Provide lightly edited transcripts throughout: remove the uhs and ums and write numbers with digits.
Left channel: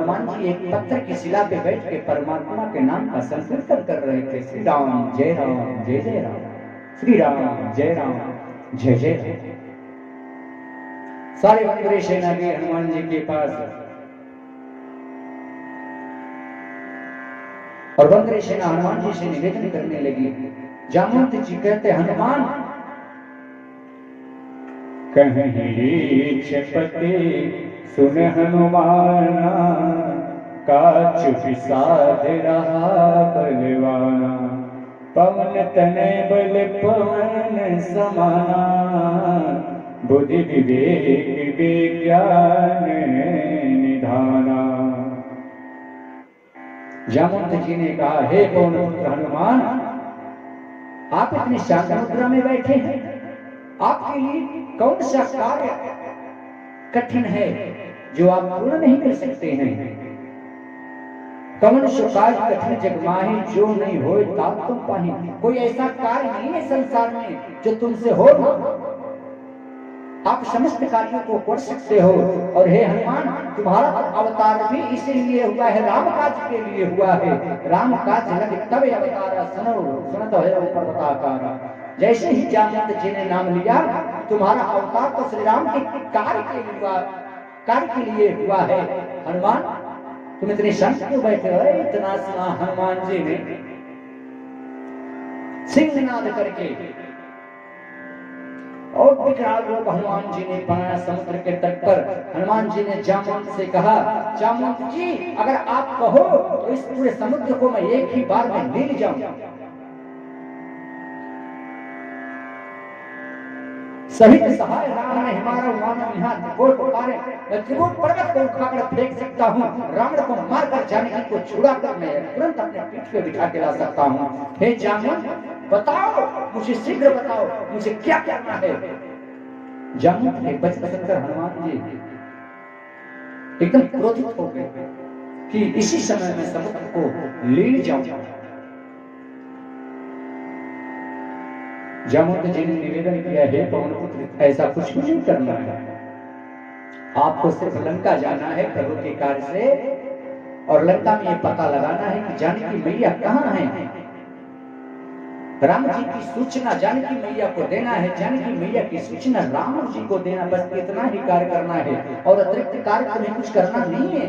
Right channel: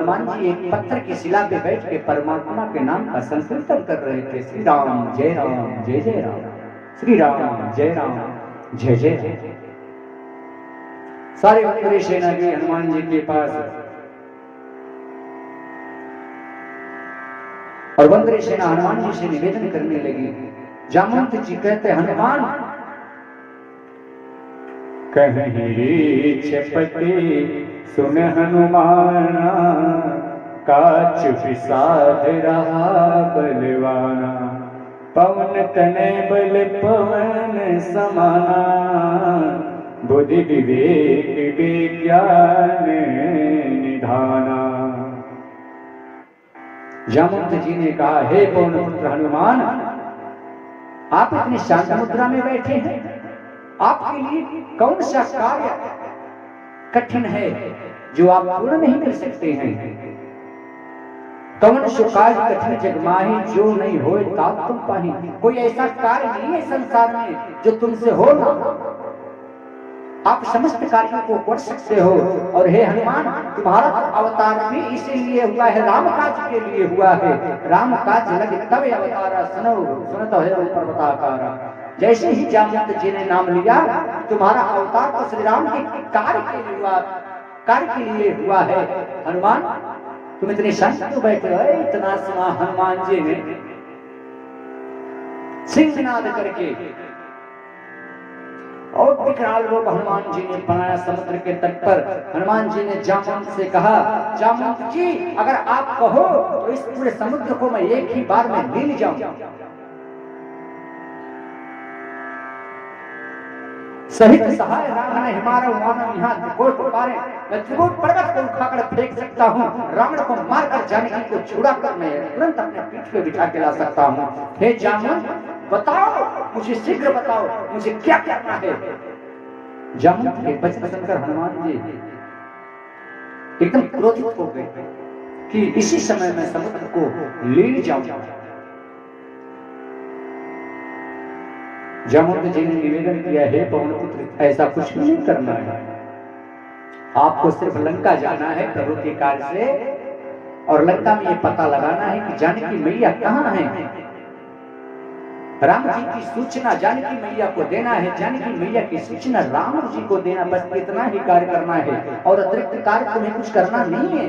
हनुमान जी एक पत्थर की शिला पे बैठ के परमात्मा के नाम का संकीर्तन कर रहे थे। श्री राम जय राम, श्री राम जय जय राम। सारे वक्री सेना गई हनुमान जी के पास और वक्री सेना हनुमान जी से निवेदन करने लगी। जामवंत जी कहते हनुमान कहीं रे छपटे सुन हनुमाना, काच विषाद रहा बलवाना, पवन तने बल पवन समाना, बुद्धि विवेक विज्ञान निधाना। जामवंत जी ने कहा, हे पवन पुत्र हनुमान, आप इतनी शांत मुद्रा में बैठे हैं, आपके लिए कौन सा कार्य कठिन है जो आप पूर्ण नहीं कर सकते हैं? कौन सो काज कठिन जग माही, जो नहीं होए तात तुम पाही। कोई ऐसा कार्य नहीं है संसार में जो तुमसे हो ना। आप समस्त कार्यों को कर सकते हो। और हे हनुमान, तुम्हारा अवतार भी इसीलिए हुआ है, राम काज के लिए हुआ है। राम काज लग तब अवतारा, सुनो सुनत है पर्वताकारा। जैसे ही जामवंत जी ने नाम लिया, तुम्हारा अवतार तो श्री राम के कार्य के लिए हुआ है। हनुमान, तुम इतने शांत क्यों बैठे हो? इतना सुना हनुमान जी ने सिंहनाद करके और विकराल रूप हनुमान जी ने बनाया समुद्र के तट पर। हनुमान जी ने जामवंत से कहा, जामवंत जी, अगर आप कहो तो इस पूरे समुद्र को मैं एक ही बार में ले जाऊं। सहित सहाय राम ने हिमारा वानम यहाँ त्रिकोट पारे, मैं त्रिकोट पर्वत को उठाकर फेंक सकता हूँ। रावण को मारकर जानकी को छुड़ा कर मैं तुरंत अपने पीठ पे बिठा के ला सकता हूँ। हे जामवंत, बताओ, मुझे शीघ्र बताओ, मुझे क्या करना है? जामवंत के वचन सुनकर हनुमान जी एकदम क्रोधित हो गए कि इसी समय मैं समुद्र को ले जाऊंगा। जामवंत जी ने निवेदन किया, हे पवन पुत्र, ऐसा कुछ भी नहीं करना है। आपको सिर्फ लंका जाना है प्रभु के कार्य से, और लंका में ये पता लगाना है कि जानकी मैया कहाँ है। राम जी की सूचना जानकी मैया को देना है, जानकी मैया की सूचना राम जी को देना, बस इतना ही कार्य करना है और अतिरिक्त कार्य तुम्हें कुछ करना नहीं है।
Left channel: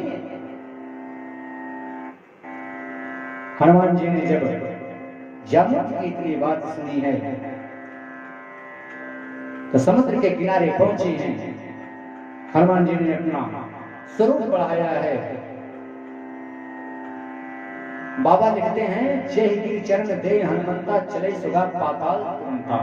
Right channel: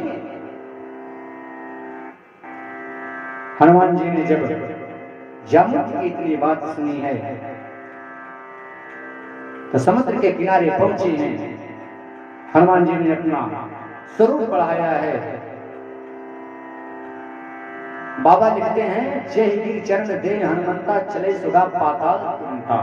हनुमान जी ने जब जामवंत की इतनी बात सुनी है तो समुद्र के किनारे पहुंचे हैं। हनुमान जी ने अपना स्वरूप बढ़ाया है। बाबा लिखते हैं, जय गिर चरण दे हनुमंता, चले सुगा पाताल तुमता।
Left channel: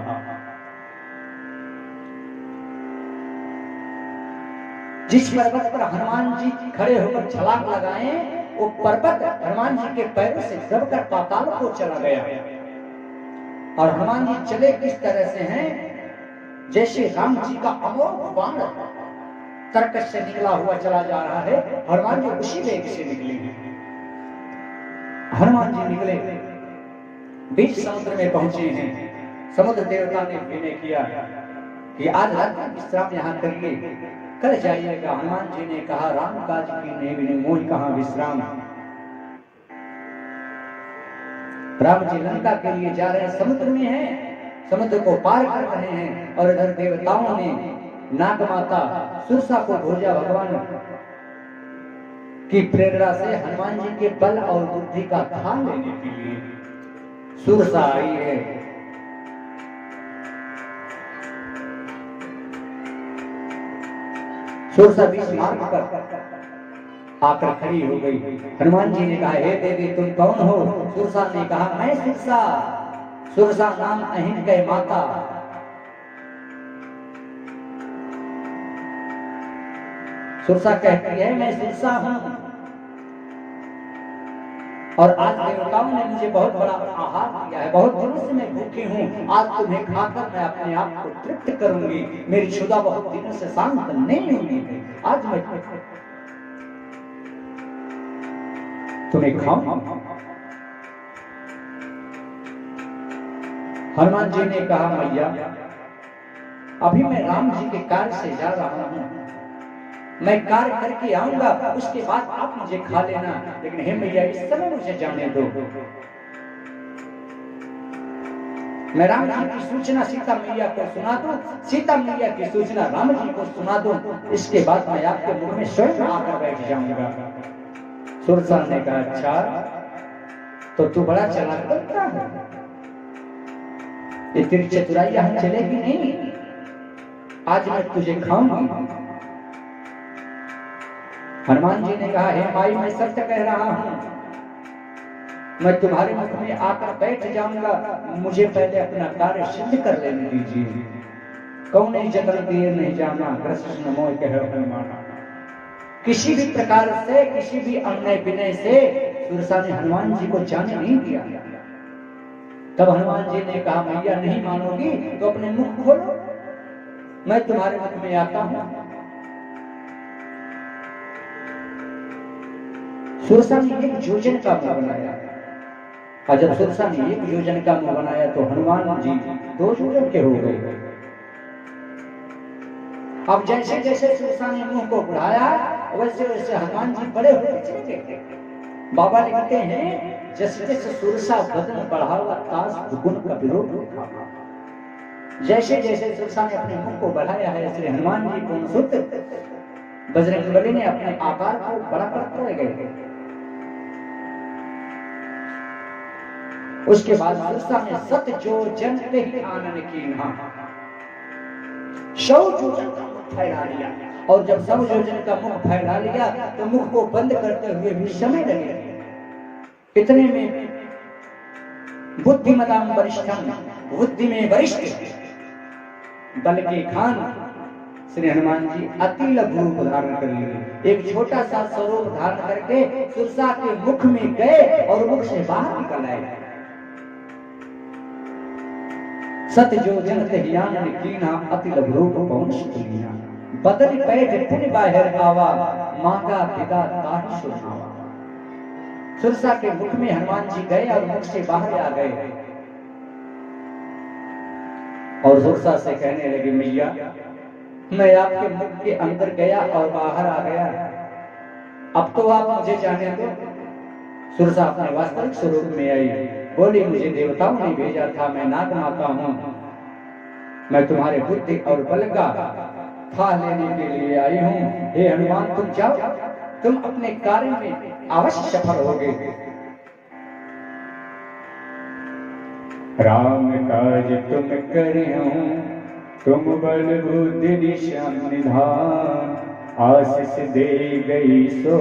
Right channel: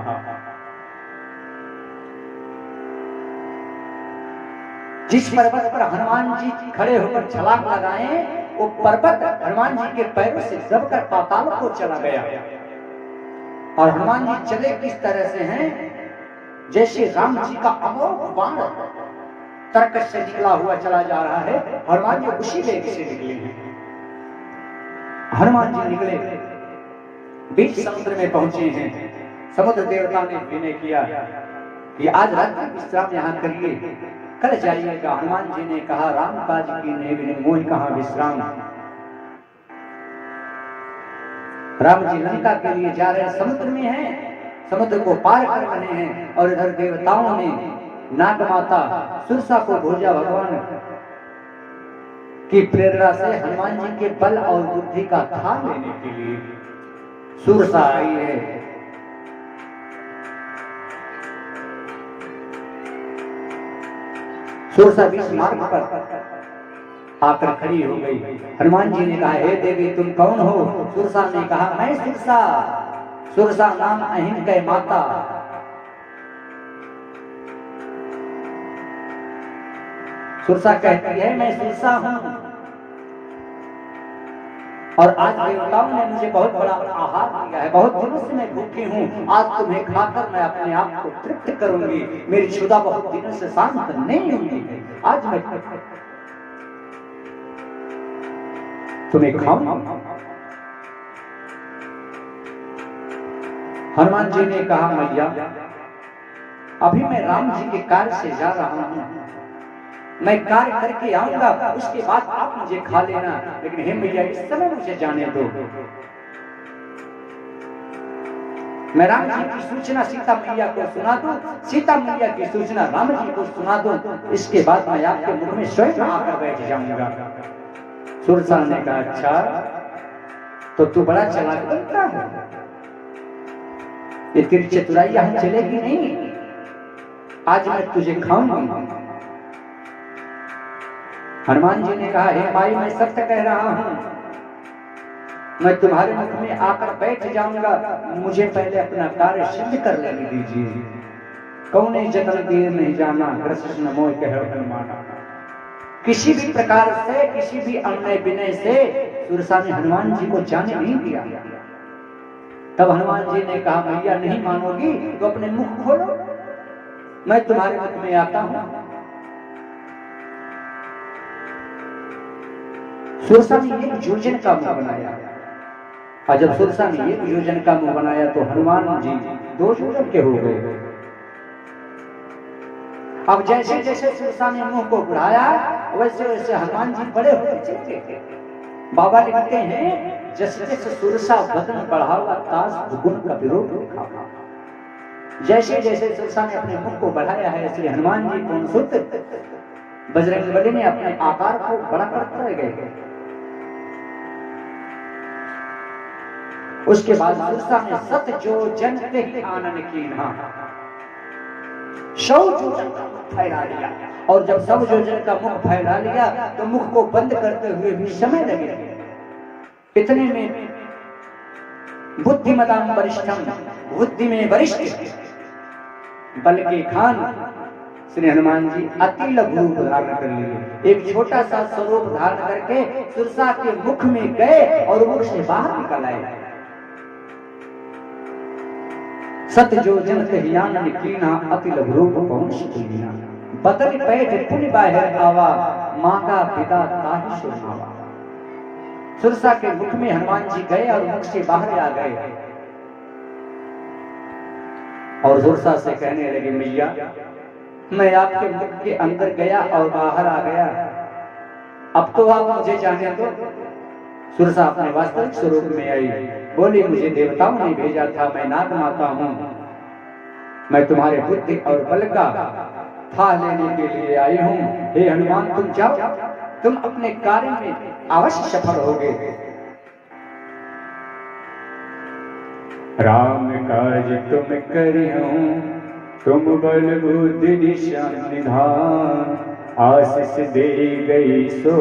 जिस पर्वत पर हनुमान जी खड़े होकर छलांग लगाए, वो पर्वत हनुमान जी के पैरों से दबकर पाताल को चला गया। और हनुमान जी चले किस तरह से हैं, जैसे राम जी का अमोघ बाण तरकश से निकला हुआ चला जा रहा है। हनुमान जी उसी वेग से निकले हैं। हनुमान जी निकले, बीच समुद्र में पहुंचे हैं। समुद्र देवता ने विनय किया कि आज रात्रि विश्राम यहाँ करिए, कल जाइएगा। हनुमान जी ने कहा, राम काज की नेवि मोह कहाँ विश्राम। राम जी लंका के लिए जा रहे हैं, समुद्र में हैं, समुद्र को पार कर रहे हैं। और इधर देवताओं ने नागमाता सुरसा को भेजा भगवान की प्रेरणा से हनुमान जी के बल और बुद्धि का थाम लेने के लिए। सुरसा आई है, सुरसा बीच मार्ग पर आकर खड़ी हो गई। हनुमान जी ने कहा, हे देवी, तुम कौन हो? सुरसा ने कहा, मैं सुरसा, सुरसा नाम अहिन के माता। सुरसा कहती है, मैं सुरसा हूं और आज देवताओं ने मुझे बहुत बड़ा आहार दिया है, बहुत दिनों से मैं भूखी हूं। आज तुम्हें खाकर मैं अपने आप को तृप्त करूंगी। मेरी क्षुधा बहुत दिनों से शांत नहीं हुई, आज मैं तुम्हें खाऊंगा। हनुमान जी ने कहा, मैया, अभी मैं राम जी के कार्य से जा रहा हूं, मैं कार्य करके आऊंगा, उसके बाद आप मुझे खा लेना, लेकिन हे मैया इस समय मुझे जाने दो। मैं राम जी की सूचना सीता मैया को सुना दूं, सीता मैया की सूचना राम जी को सुना दूं, इसके बाद मैं आपके मुख में स्वयं आकर बैठ जाऊंगा। सुरसा ने कहा अच्छा, तो तू बड़ा चालाक बनता है, ये तेरी चतुराई यहां चलेगी नहीं, आज मैं तुझे खाऊंगी। हनुमान जी ने कहा हे माई मैं सत्य कह रहा हूं, मैं तुम्हारे मुख में आकर बैठ जाऊंगा, मुझे पहले अपना कार्य सिद्ध कर लेने दीजिए। कौने जतन दिए नहीं जाना, कृष्ण मोह कह हनुमाना। किसी भी प्रकार से, किसी भी अन्य विनय से सुरसा ने हनुमान जी को जाने नहीं दिया। तब हनुमान जी ने कहा मैया नहीं मानोगी तो अपने मुख खोलो, मैं तुम्हारे मुख में आता हूं। सुरसा ने एक योजन का मुंह बनाया, और जब सुरसा ने एक योजन का मुंह बनाया तो हनुमान जी 2 योजन के हो गए। अब जैसे जैसे सुरसा ने मुंह को बढ़ाया वैसे वैसे हनुमान जी बड़े होते चले गए। बाबा लिखते हैं जैसे जैसे सुरसा बदन बढ़ावा तास दुगुन का विरोध लिखा। जैसे जैसे सुरसा ने अपने मुंह को बढ़ाया है इसलिए हनुमान जी को सुत बजरंगबली ने अपने आकार को बड़ा करते रह गए। उसके बाद सुरसा ने सत जो जन ते ही आनन कीन्हा, 100 योजन का मुख फैला लिया, और जब 100 योजन का मुख फैला लिया तो मुख को बंद करते हुए भी समय लगे। इतने में बुद्धिमताम वरिष्ठम, बुद्धि में वरिष्ठ बल के खान श्री हनुमान जी अति लघु रूप धारण कर लिए। एक छोटा सा स्वरूप धारण करके सुरसा के मुख में गए और मुख से बाहर निकल आए। सत्य जो जन तहियान कीना, अति लघु रूप पहुंच कीना, बदल पैठ पुन बाहर आवा, मांगा पिता ताहि सुनावा। सुरसा के मुख में हनुमान जी गए और मुख से बाहर आ गए, और सुरसा से कहने लगे मैया मैं आपके मुख के अंदर गया और बाहर आ गया, अब तो आप मुझे जाने दो। सुरसा अपने वास्तविक स्वरूप में आई, बोली मुझे देवताओं ने भेजा था, मैं नाग माता हूं, मैं तुम्हारे बुद्धि और बल का था लेने के लिए आई हूं। हे हनुमान तुम जाओ, तुम अपने कार्य में अवश्य सफल होगे। राम काज तुम करिहूं, तुम बल बुद्धि निशान निधान, आशीष दे गई सो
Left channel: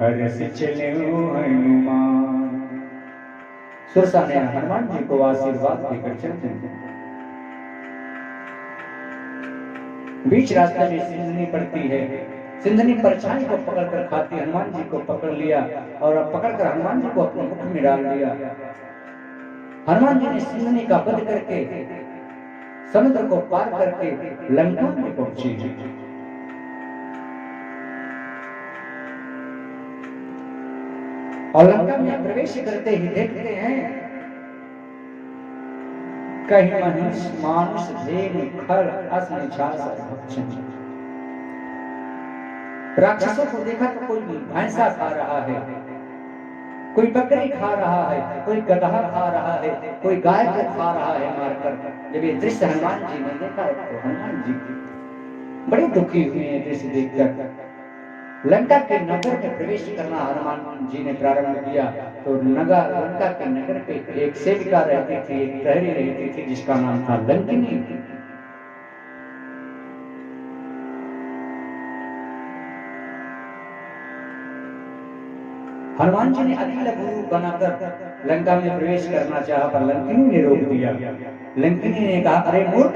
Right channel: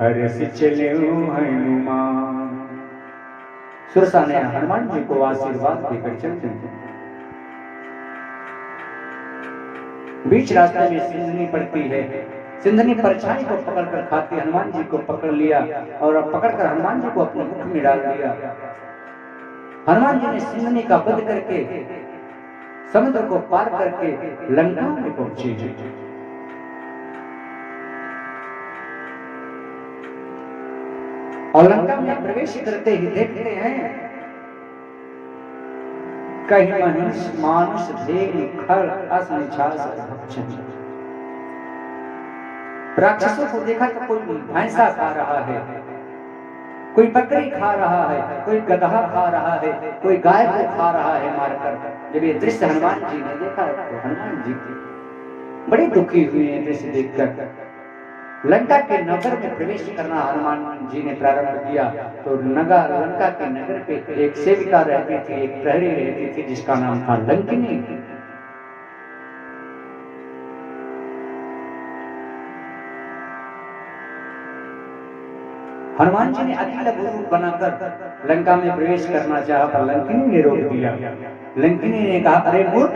हर्ष चले हनुमान। सुरसा ने हनुमान जी को आशीर्वाद देकर चलते हैं। बीच रास्ते में सिंधनी पड़ती है, सिंधनी परछाई को पकड़कर खाती, हनुमान जी को पकड़ लिया और पकड़कर हनुमान जी को अपने मुख में डाल दिया। हनुमान जी ने सिंधनी का वध करके समुद्र को पार करके लंका में पहुंचे। और लंका में प्रवेश करते ही देखते हैं कहीं मनुष्य मानुष धेनु खर अस निछास भक्षण। राक्षसों को देखा तो कोई भैंसा खा रहा है, कोई बकरी खा रहा है, कोई गधा खा रहा है, कोई गाय को खा रहा है मारकर। जब ये दृश्य हनुमान जी ने देखा तो हनुमान जी बड़ी दुखी हुए हैं दृश्य देखकर। लंका के नगर में प्रवेश करना हनुमान जी ने प्रारंभ किया तो नगर लंका के नगर पे एक सेविका रहती थी, एक प्रहरी रहती थी जिसका नाम था लंकिनी। हनुमान जी ने अति लघु रूप बनाकर लंका में प्रवेश करना चाहा पर लंकिनी ने रोक दिया। लंकिनी ने कहा अरे मूर्ख,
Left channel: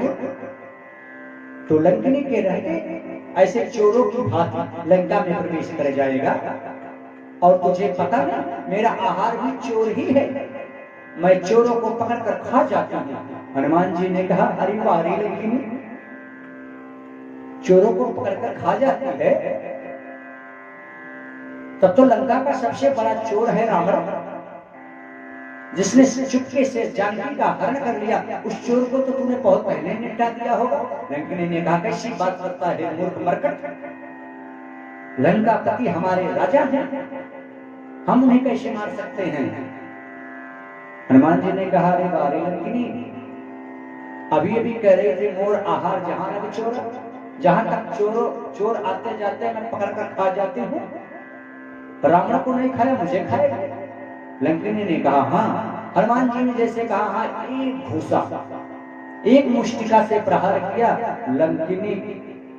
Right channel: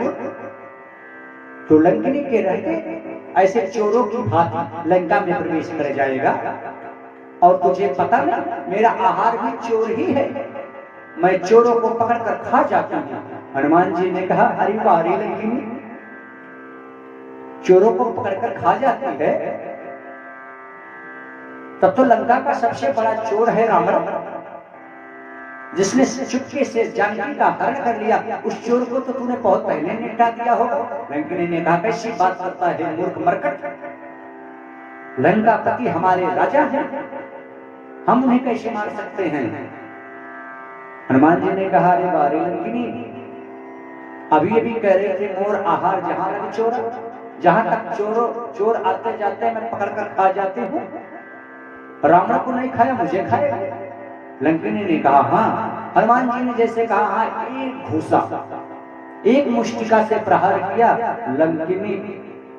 तो लंकिनी के रहते ऐसे चोरों की भांति लंका में प्रवेश कर जाएगा, और तुझे पता नहीं मेरा आहार भी चोर ही है, मैं चोरों को पकड़कर खा जाता हूं। हनुमान जी ने कहा अरे वारी लंकिनी, चोरों को पकड़कर खा जाती है, तब तो लंका का सबसे बड़ा चोर है रावण, जिसने चुपके से जानकी का हरण कर लिया। उस चोर को तो तूने बहुत पहले निपटा दिया होगा। लंकिनी ने कहा कैसी बात करता है मूर्ख मरकट, लंकापति हमारे राजा हैं, हम उन्हें कैसे मार सकते हैं? हनुमान जी ने कहा, अरे बारे लंकिनी, अभी अभी कह रहे थे मोर आहार जहां लगे चोरा, जहां तक चोर आते जाते मैं पकड़ कर खा जाती हूँ, रावण को नहीं खाया मुझे खाएगा। लंकिनी ने कहा, हाँ। हनुमान जी ने जैसे कहा, हाँ, एक घूसा, एक मुष्टिका से प्रहार किया, लंकिनी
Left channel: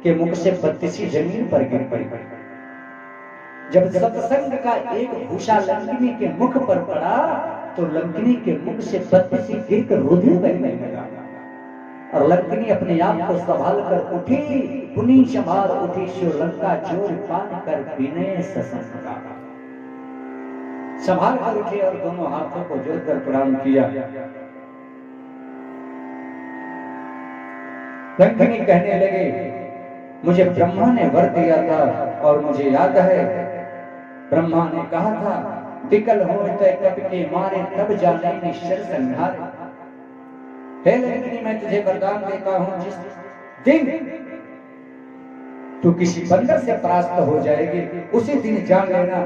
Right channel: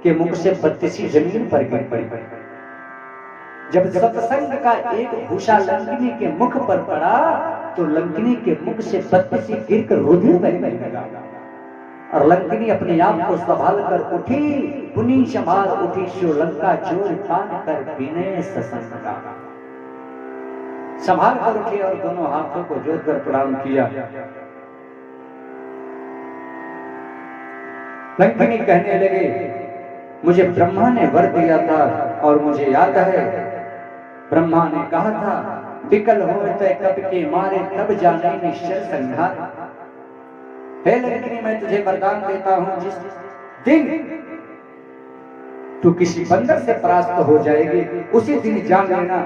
के मुख से 32 जमीन पर गिर पड़ी। जब सत्संग का एक घूसा लंकिनी के मुख पर पड़ा तो लंकिनी के मुख से 32 गिर कर रुधिर बहने लगा और लंकिनी अपने आप को संभाल कर उठी, पुनी संभाल उठी, सो लंका चोर कान कर विनय सत्संग का संभाल कर उठी और दोनों हाथों को जोड़कर प्रणाम किया। लंकिनी कहने लगे, मुझे ब्रह्मा ने वर दिया था और मुझे याद है, ब्रह्मा ने कहा था, विकल हो तो कप के मारे तब जाने निश्चल संहार। हे लंकिनी, मैं तुझे वरदान देता हूं, जिस दिन तू किसी बंदर से परास्त हो जाएगी उसी दिन जान लेना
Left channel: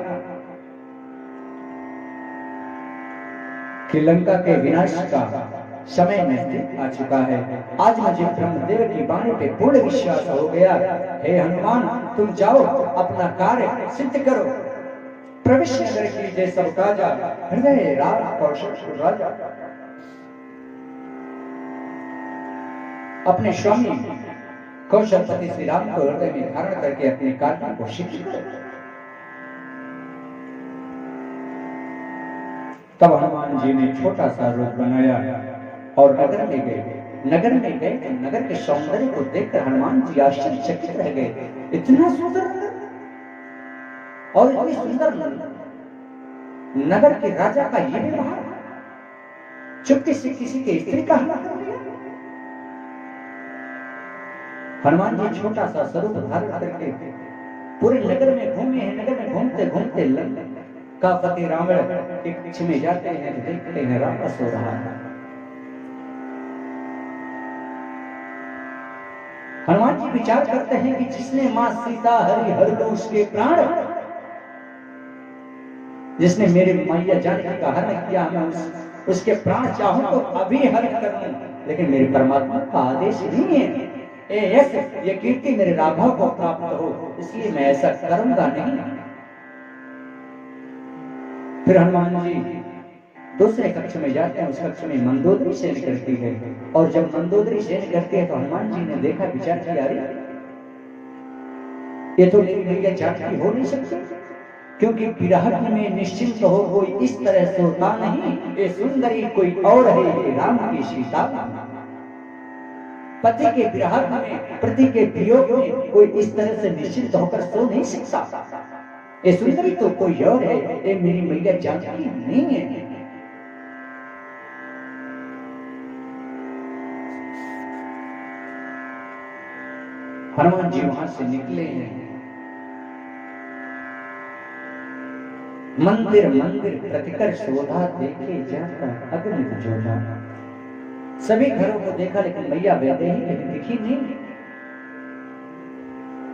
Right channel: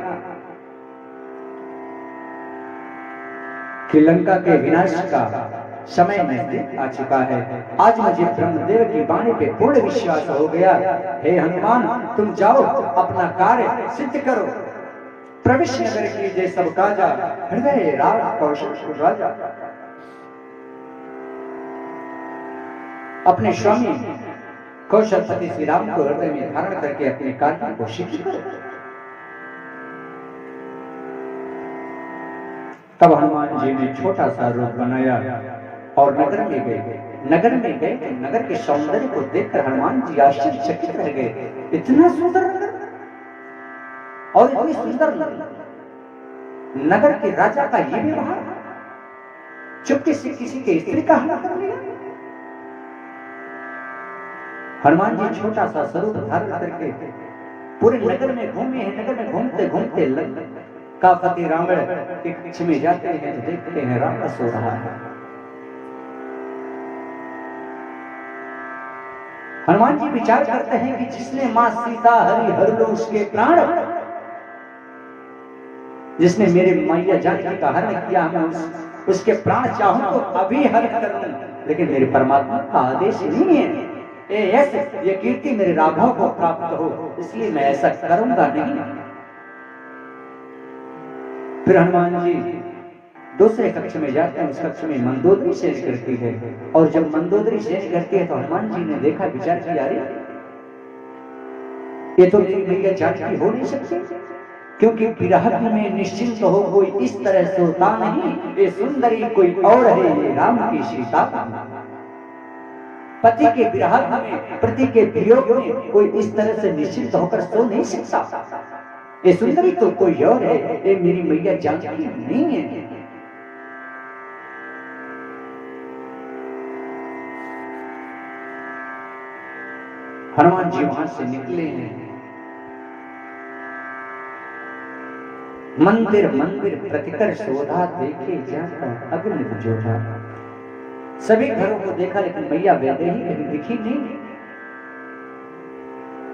कि लंका के विनाश का समय नजदीक आ चुका है। आज मुझे ब्रह्मदेव की वाणी पे पूर्ण विश्वास हो गया। हे हनुमान, तुम जाओ अपना कार्य सिद्ध करो, प्रविष्ट नगर कीजिए सब काजा, हृदय राम कौशल राजा। अपने स्वामी कौशलपति श्री राम को हृदय में धारण करके अपने कार्य को सिद्ध करो। तब हनुमान जी ने छोटा सा रूप बनाया और नगर में गए। नगर में गए तो नगर के सौंदर्य को देखकर हनुमान जी आश्चर्यचकित रह गए। इतना सुंदर नगर और इतनी सुंदर नगर के राजा का ये व्यवहार, चुपके से किसी के स्त्री का हमला कर लिया। हनुमान जी छोटा सा स्वरूप धारण करके पूरे नगर में घूमे हैं। नगर में घूमते घूमते का पति रावण के कक्ष में जाते हैं तो देखते हैं रावण सो रहा है। हनुमान जी विचार करते हैं कि जिसने मां सीता हरि हर लो उसके प्राण, जिसने मेरे मैया जानकी का हरण किया, मैं उसके प्राण चाहूं तो अभी हरण कर लूं, लेकिन मेरे परमात्मा का आदेश नहीं है। ये कीर्ति मेरे राघव को प्राप्त हो, इसलिए मैं ऐसा करूंगा नहीं। फिर हनुमान जी दूसरे कक्ष में जाते हैं। उस कक्ष में मंदोदरी शयन करती है और जब मंदोदरी शयन करती है तो हनुमान जी ने देखा, विचार किया, अरे ये तो मेरी मैया जानकी हो नहीं सकती, क्योंकि विरह में निश्चिंत हो कोई इस तरह सोता नहीं, ये सुंदरी कोई और है, ये राम की सीता। पति के विरह में, पति के वियोग में कोई इस तरह से निश्चिंत होकर सो नहीं सकता। ये सुंदरी तो कोई और है, ये मेरी मैया जानकी नहीं है। हनुमान जी वहां से निकले हैं। मंदिर मंदिर प्रतिकर शोधा, देखे जाकर अग्नि जोधा। सभी घरों को देखा लेकिन मैया वैदेही कहीं दिखी नहीं।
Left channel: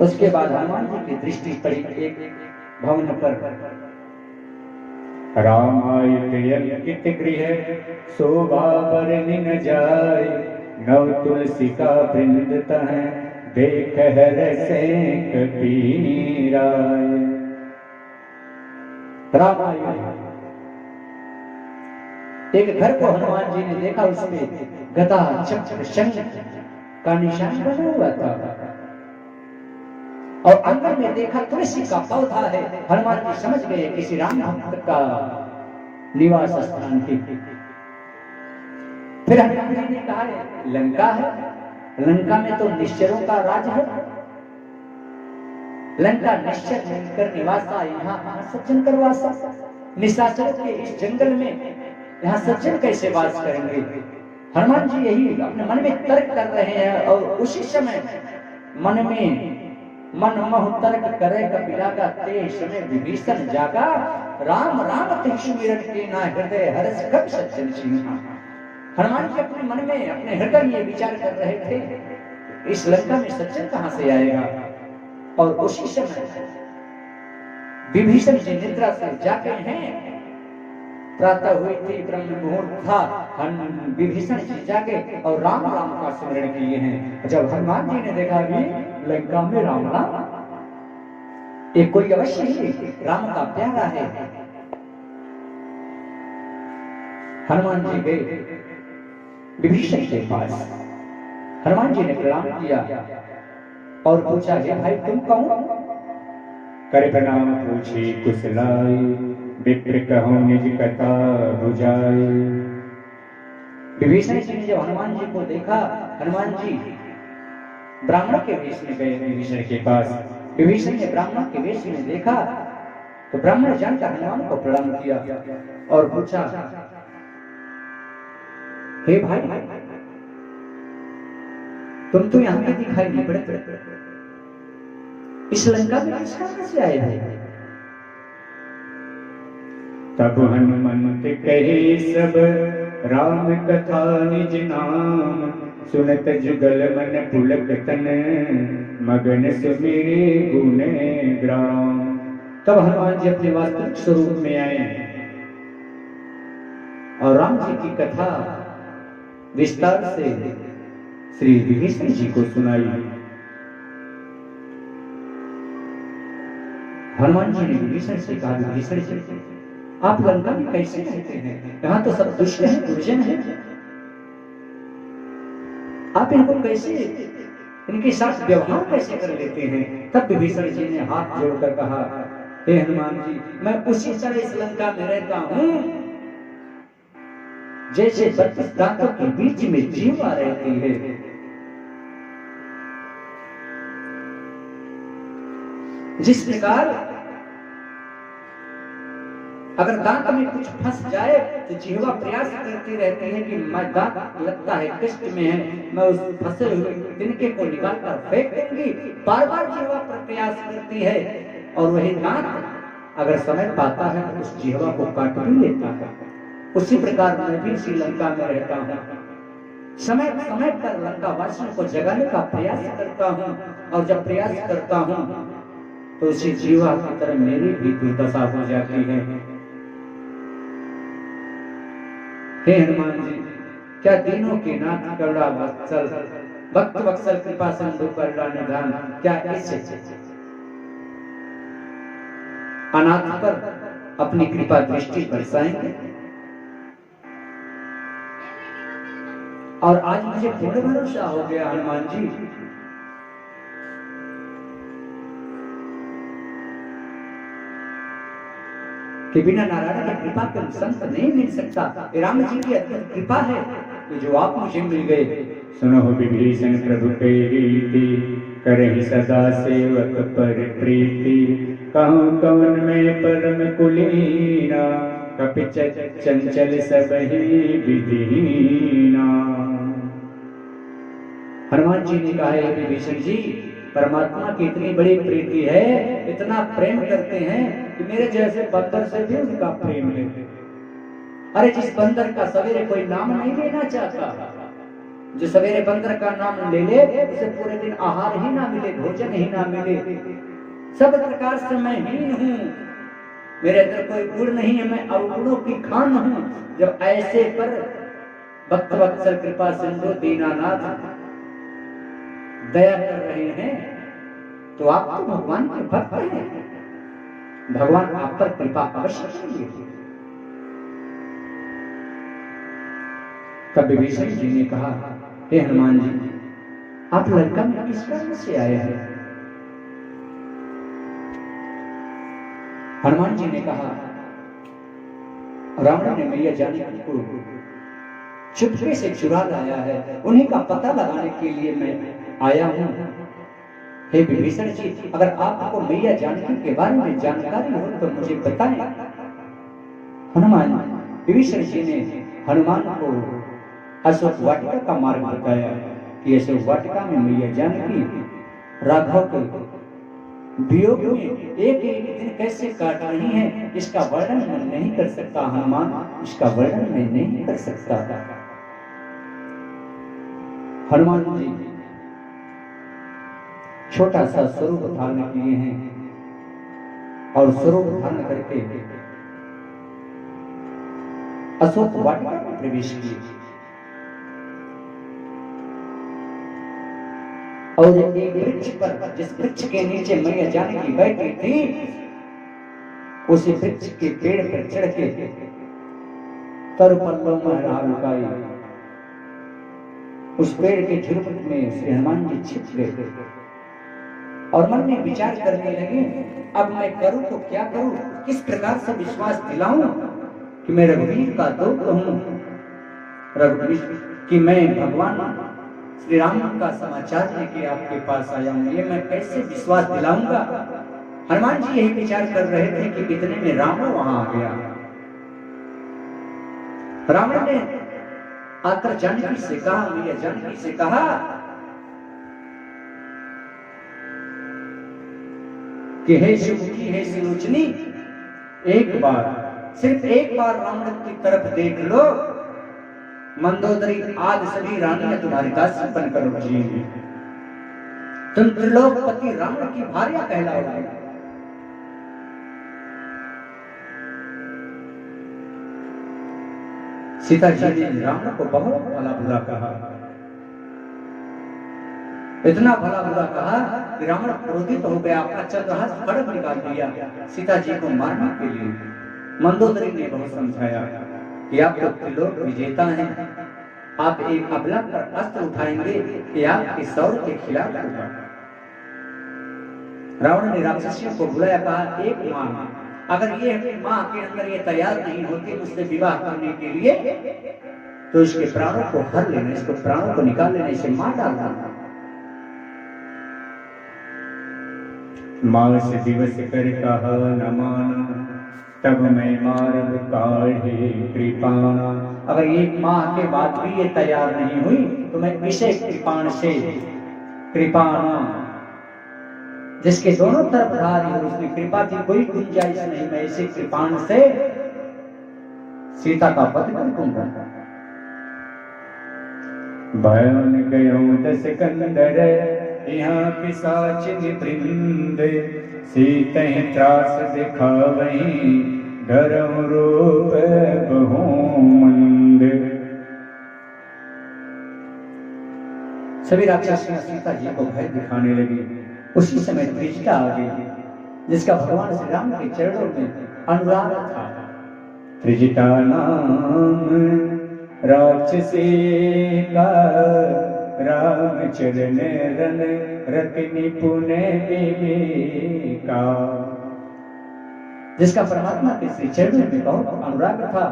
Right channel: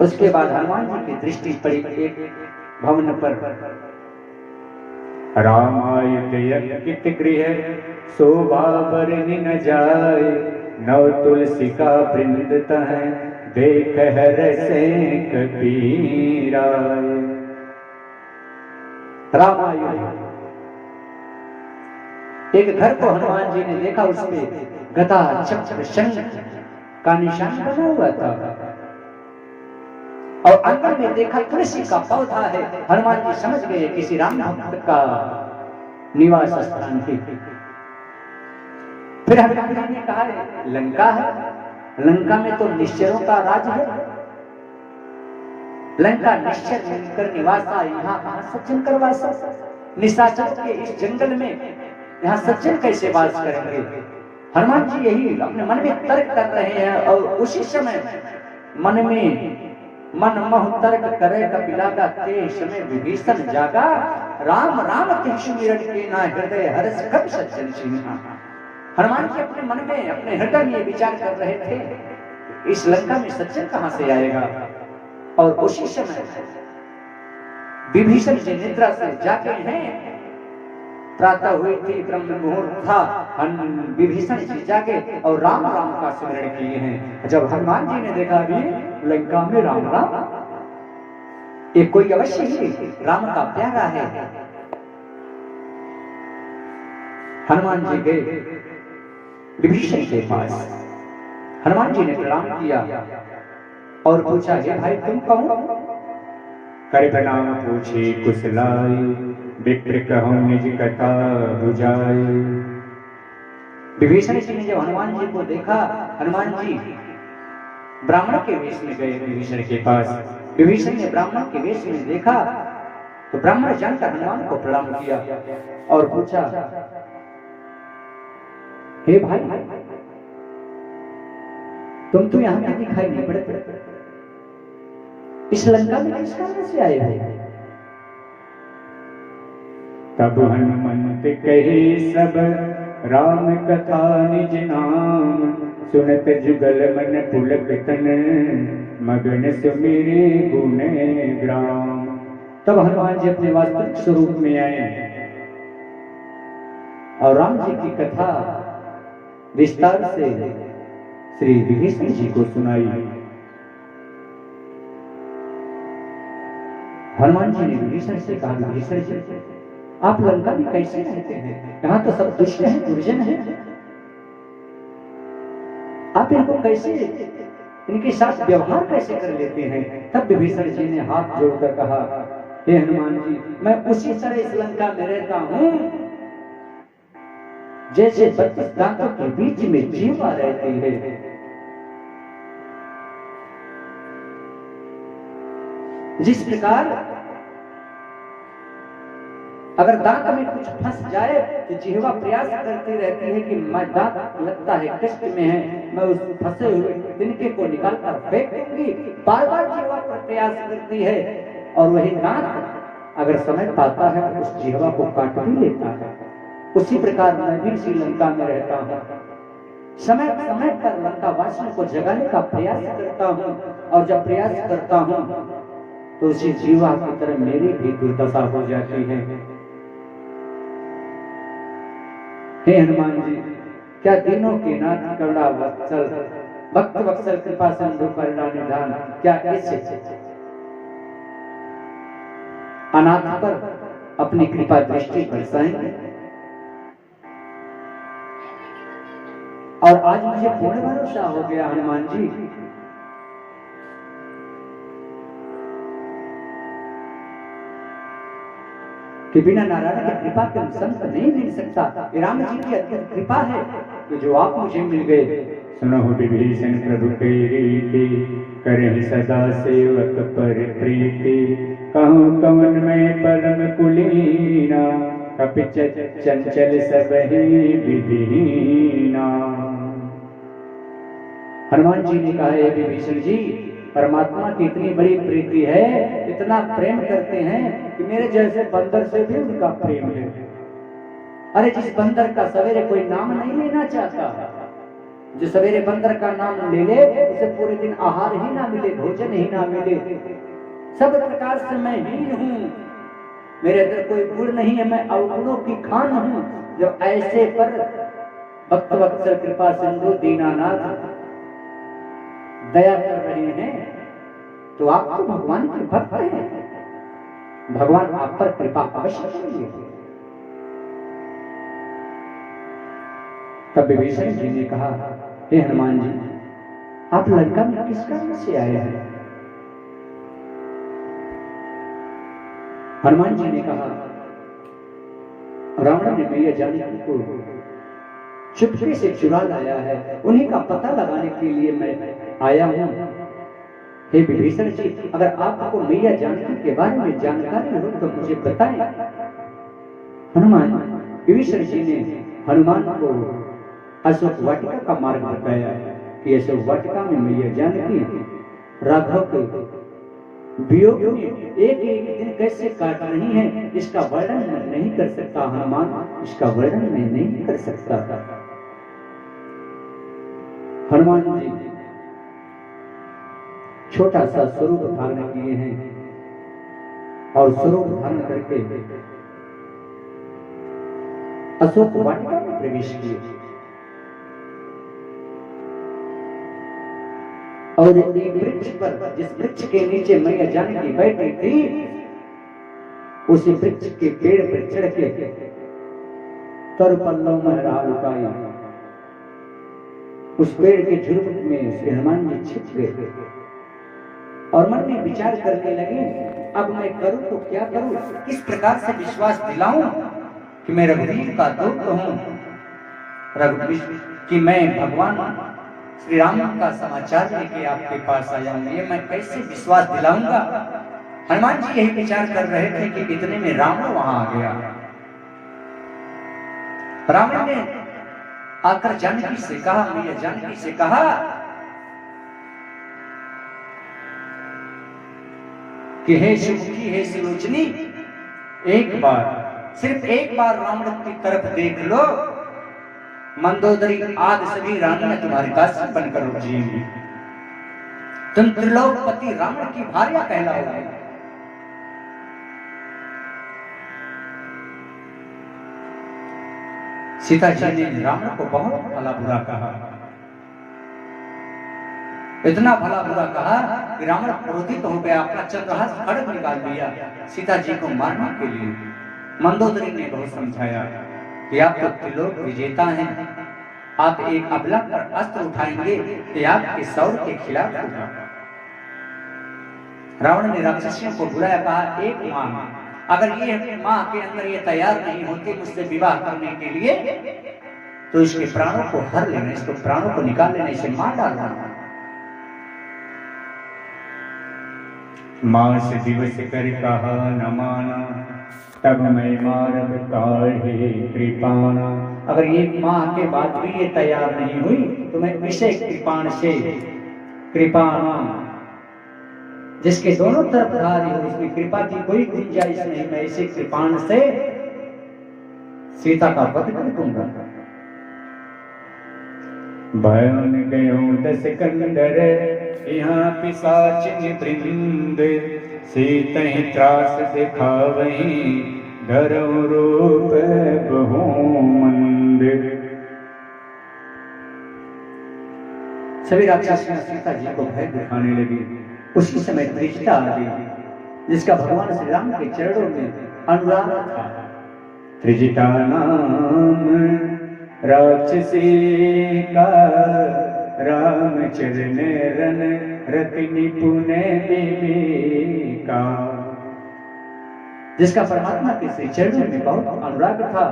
उसके बाद हनुमान जी की दृष्टि पड़ी एक भवन पर। रामायित गृह शोभा बरनि न जाए, नव तुलसी का वृंद तह देख रसे कबीरा। रामायण एक घर को हनुमान जी ने देखा, उसमें गदा चक्र शंख का निशान बना हुआ था और आंगन में देखा तुलसी का पौधा है। हनुमान जी समझ गए किसी राम भक्त का निवास स्थान थी। फिर हनुमान जी ने कहा, लंका है, लंका में तो निश्चरों का राज है, लंका निश्चर मिलकर निवासा, यहाँ सज्जन करवासा। निशाचर के इस जंगल में यहाँ सज्जन कैसे वास करेंगे? हनुमान जी यही अपने मन में तर्क कर रहे हैं और उसी समय मन में मनमोह तर्क करे कपिला का तेज में विभीषण जागा। राम राम तिरसु मिरट के ना हृदय हर्ष कब सज्जन सिंहा। हनुमान जी अपने मन में, अपने हृदय में विचार कर रहे थे, इस लंका में सज्जन कहां से आएगा? और उसी समय विभीषण जी निद्रा से जागे हैं, प्रातः हुई थी, ब्रह्म मुहूर्त था, विभीषण जी जागे और राम राम का स्मरण किए हैं। जब हनुमान जी ने देखा भी लंका में राम राम, ये कोई अवश्य ही राम का प्यारा है। हनुमान जी गए विभीषण के पास, हनुमान जी ने प्रणाम किया और पूछा, हे भाई तुम कौन? कर प्रणाम पूछे कुशलाय, विप्र कहूँ निज कथा बुझाए। विभीषण जी ने जब हनुमान जी को देखा, हनुमान जी ब्राह्मण के वेश में गए विभीषण के पास। विभीषण ने ब्राह्मण के वेश में देखा तो ब्राह्मण जानकर हनुमान को प्रणाम किया और पूछा, हे भाई तुम तो यहाँ भी दिखाई नहीं पड़ते, इस लंका में किस कारण से आए हो? तब हनुमंत कहे सब राम कथा निज नाम, सुनत जुगल मन पुलक तन, मगन से मेरे गुण ग्राम। तब हनुमान जी अपने वास्तविक स्वरूप में आए और राम जी की कथा विस्तार से श्री विभीषण जी को सुनाई। हनुमान जी ने विभीषण से कहा, विभीषण जी आप लंका में कैसे रहते हैं? यहाँ तो सब दुष्ट हैं, दुर्जन हैं, आप इनको कैसे, इनके साथ व्यवहार कैसे कर लेते हैं? तब विभीषण जी ने हाथ जोड़कर कहा, हे हनुमान जी मैं उसी तरह इस लंका में रहता हूँ जैसे 32 दांतों के बीच में जीवा रहती है। जिस प्रकार अगर दांत में कुछ फंस जाए तो जिह्वा प्रयास करती रहती है कि मैं दांत लगता है कष्ट में है, मैं उस फंसे हुए तिनके को निकाल कर फेंक दूंगी, बार बार जिह्वा पर प्रयास करती है और वही दांत अगर समय पाता है तो उस जिह्वा को काट भी लेता है। उसी प्रकार मैं भी श्रीलंका में रहता हूँ, समय समय पर लंका वासियों को जगाने का प्रयास करता हूँ और जब प्रयास करता हूँ तो उसी जीवा की तरह मेरी भी दुर्दशा हो जाती है। हे हनुमान जी क्या दीनों के नाथ करुणा वत्सल, भक्त वत्सल कृपा सिंधु करुणा निधान, क्या इस अनाथ पर अपनी कृपा दृष्टि बरसाएंगे? और आज मुझे पूर्ण भरोसा हो गया हनुमान जी कि बिना नारायण की कृपा के संत नहीं मिल सकता। राम जी की अत्यंत कृपा है कि जो आप मुझे मिल गए। सुनो विभीषण प्रभु तेरी रीति, करहि सदा सेवक पर प्रीति, कहूँ कौन मैं परम कुलीना, कपि चंचल सब ही विधिहीना। हनुमान जी ने कहा, हे विभीषण जी परमात्मा की इतनी बड़ी प्रीति है, इतना प्रेम करते हैं कि मेरे जैसे बंदर से भी उनका प्रेम है। अरे जिस बंदर का सवेरे कोई नाम नहीं लेना चाहता, जो सवेरे बंदर का नाम ले ले उसे पूरे दिन आहार ही ना मिले, भोजन ही ना मिले, सब प्रकार से मैं हीन हूँ, मेरे अंदर कोई गुण नहीं है, मैं अवगुणों की खान हूँ। जब ऐसे पर भक्त वत्सल कृपा सिंधु दीनानाथ दया कर रहे हैं तो आप तो भगवान के भक्त हैं, भगवान आप पर कृपा अवश्य करेंगे। तब विभीषण जी ने कहा, हे हनुमान जी आप लंका में किस कारण से आए हैं? हनुमान जी ने कहा, रावण ने मैया जानकी को चुपके से चुरा लाया है, उन्हीं का पता लगाने के लिए मैं आया हूं। हे विभीषण जी अगर आपको मैया जानकी के बारे में जानकारी हो तो मुझे बताएं। हनुमान विभीषण जी ने हनुमान को अशोक वाटिका का मार्ग बताया कि अशोक वाटिका में मैया जानकी राघव के वियोग में एक एक दिन कैसे काट रही है, इसका वर्णन मैं नहीं कर सकता हनुमान, इसका वर्णन मैं नहीं कर सकता। हनुमान जी छोटा सा स्वरूप धारण किए हैं और स्वरूप धारण करके अशोक वाटिका में प्रवेश किए। और एक वृक्ष पर, जिस वृक्ष के नीचे मैया जानकी बैठी थी, उसी वृक्ष के पेड़ पर चढ़ के तर पल्लव में रहा लुकाई उस पेड़ के झुरमुट में श्री हनुमान जी छिप गए और मन में विचार करने लगे, अब मैं करूं तो क्या करूं, किस प्रकार से विश्वास दिलाऊं कि मैं रघुवीर का दूत हूं, रघुवीर कि मैं भगवान श्री राम का समाचार लेके आपके पास आया हूं, ये मैं कैसे विश्वास दिलाऊंगा। हनुमान जी यही विचार कर रहे थे कि इतने में रावण वहां आ गया। रावण ने आकर जानकी से कहा, मैया जानकी से कहा कि हे शिवजी, हे सुलोचनी, एक बार, सिर्फ एक बार रावण की तरफ देख लो, मंदोदरी आदि सभी रानियां तुम्हारी दासी बनकर जिएंगी, तुम त्रिलोकपति रावण की भार्या कहलाओगे। सीता जी ने रावण को बहुत भला बुरा कहा, इतना भला बुरा कहा कि रावण क्रोधित हो गया, अपना चंद्रहास खड्ग निकाल दिया सीता जी को मारने के लिए। मंदोदरी ने बहुत समझाया कि आप तो त्रिलोक विजेता हैं, आप एक अबला पर अस्त्र उठाएंगे कि आपके सौर के खिलाफ होगा। रावण ने राक्षसियों को बुलाया, कहा एक मां, अगर ये मां के अंदर ये तैयार नहीं होती मुझसे विवाह करने के लिए तो इसके प्राणों को हर लेने, इसको प्राणों को निकाल लेने से मार डालना। मास दिवस कर कहा न माना, तब मैं मारब काढ़े कृपाणा। अगर एक माह के बाद भी ये तैयार नहीं हुई तो मैं इसे कृपाण से, कृपाणा जिसके दोनों तरफ धारी हो, इसमें कृपा की कोई गुंजाइश नहीं, मैं इसे कृपाण से सीता का वध कर दूंगा। भयन गयो दस कंदर, यहाँ पिशाचिन वृंद, सीतहि त्रास दिखावहि, धरम रूप बहु मंद। सभी राक्षसियां सीता जी को भय दिखाने लगी। उसी समय त्रिजटा आ गई, जिसका भगवान श्री राम के चरणों में अनुराग था। त्रिजटा नाम राक्षसी का, राम चरण रन रति निपुण विवेका। जिसका परमात्मा के श्री चरणों में बहुत अनुराग था।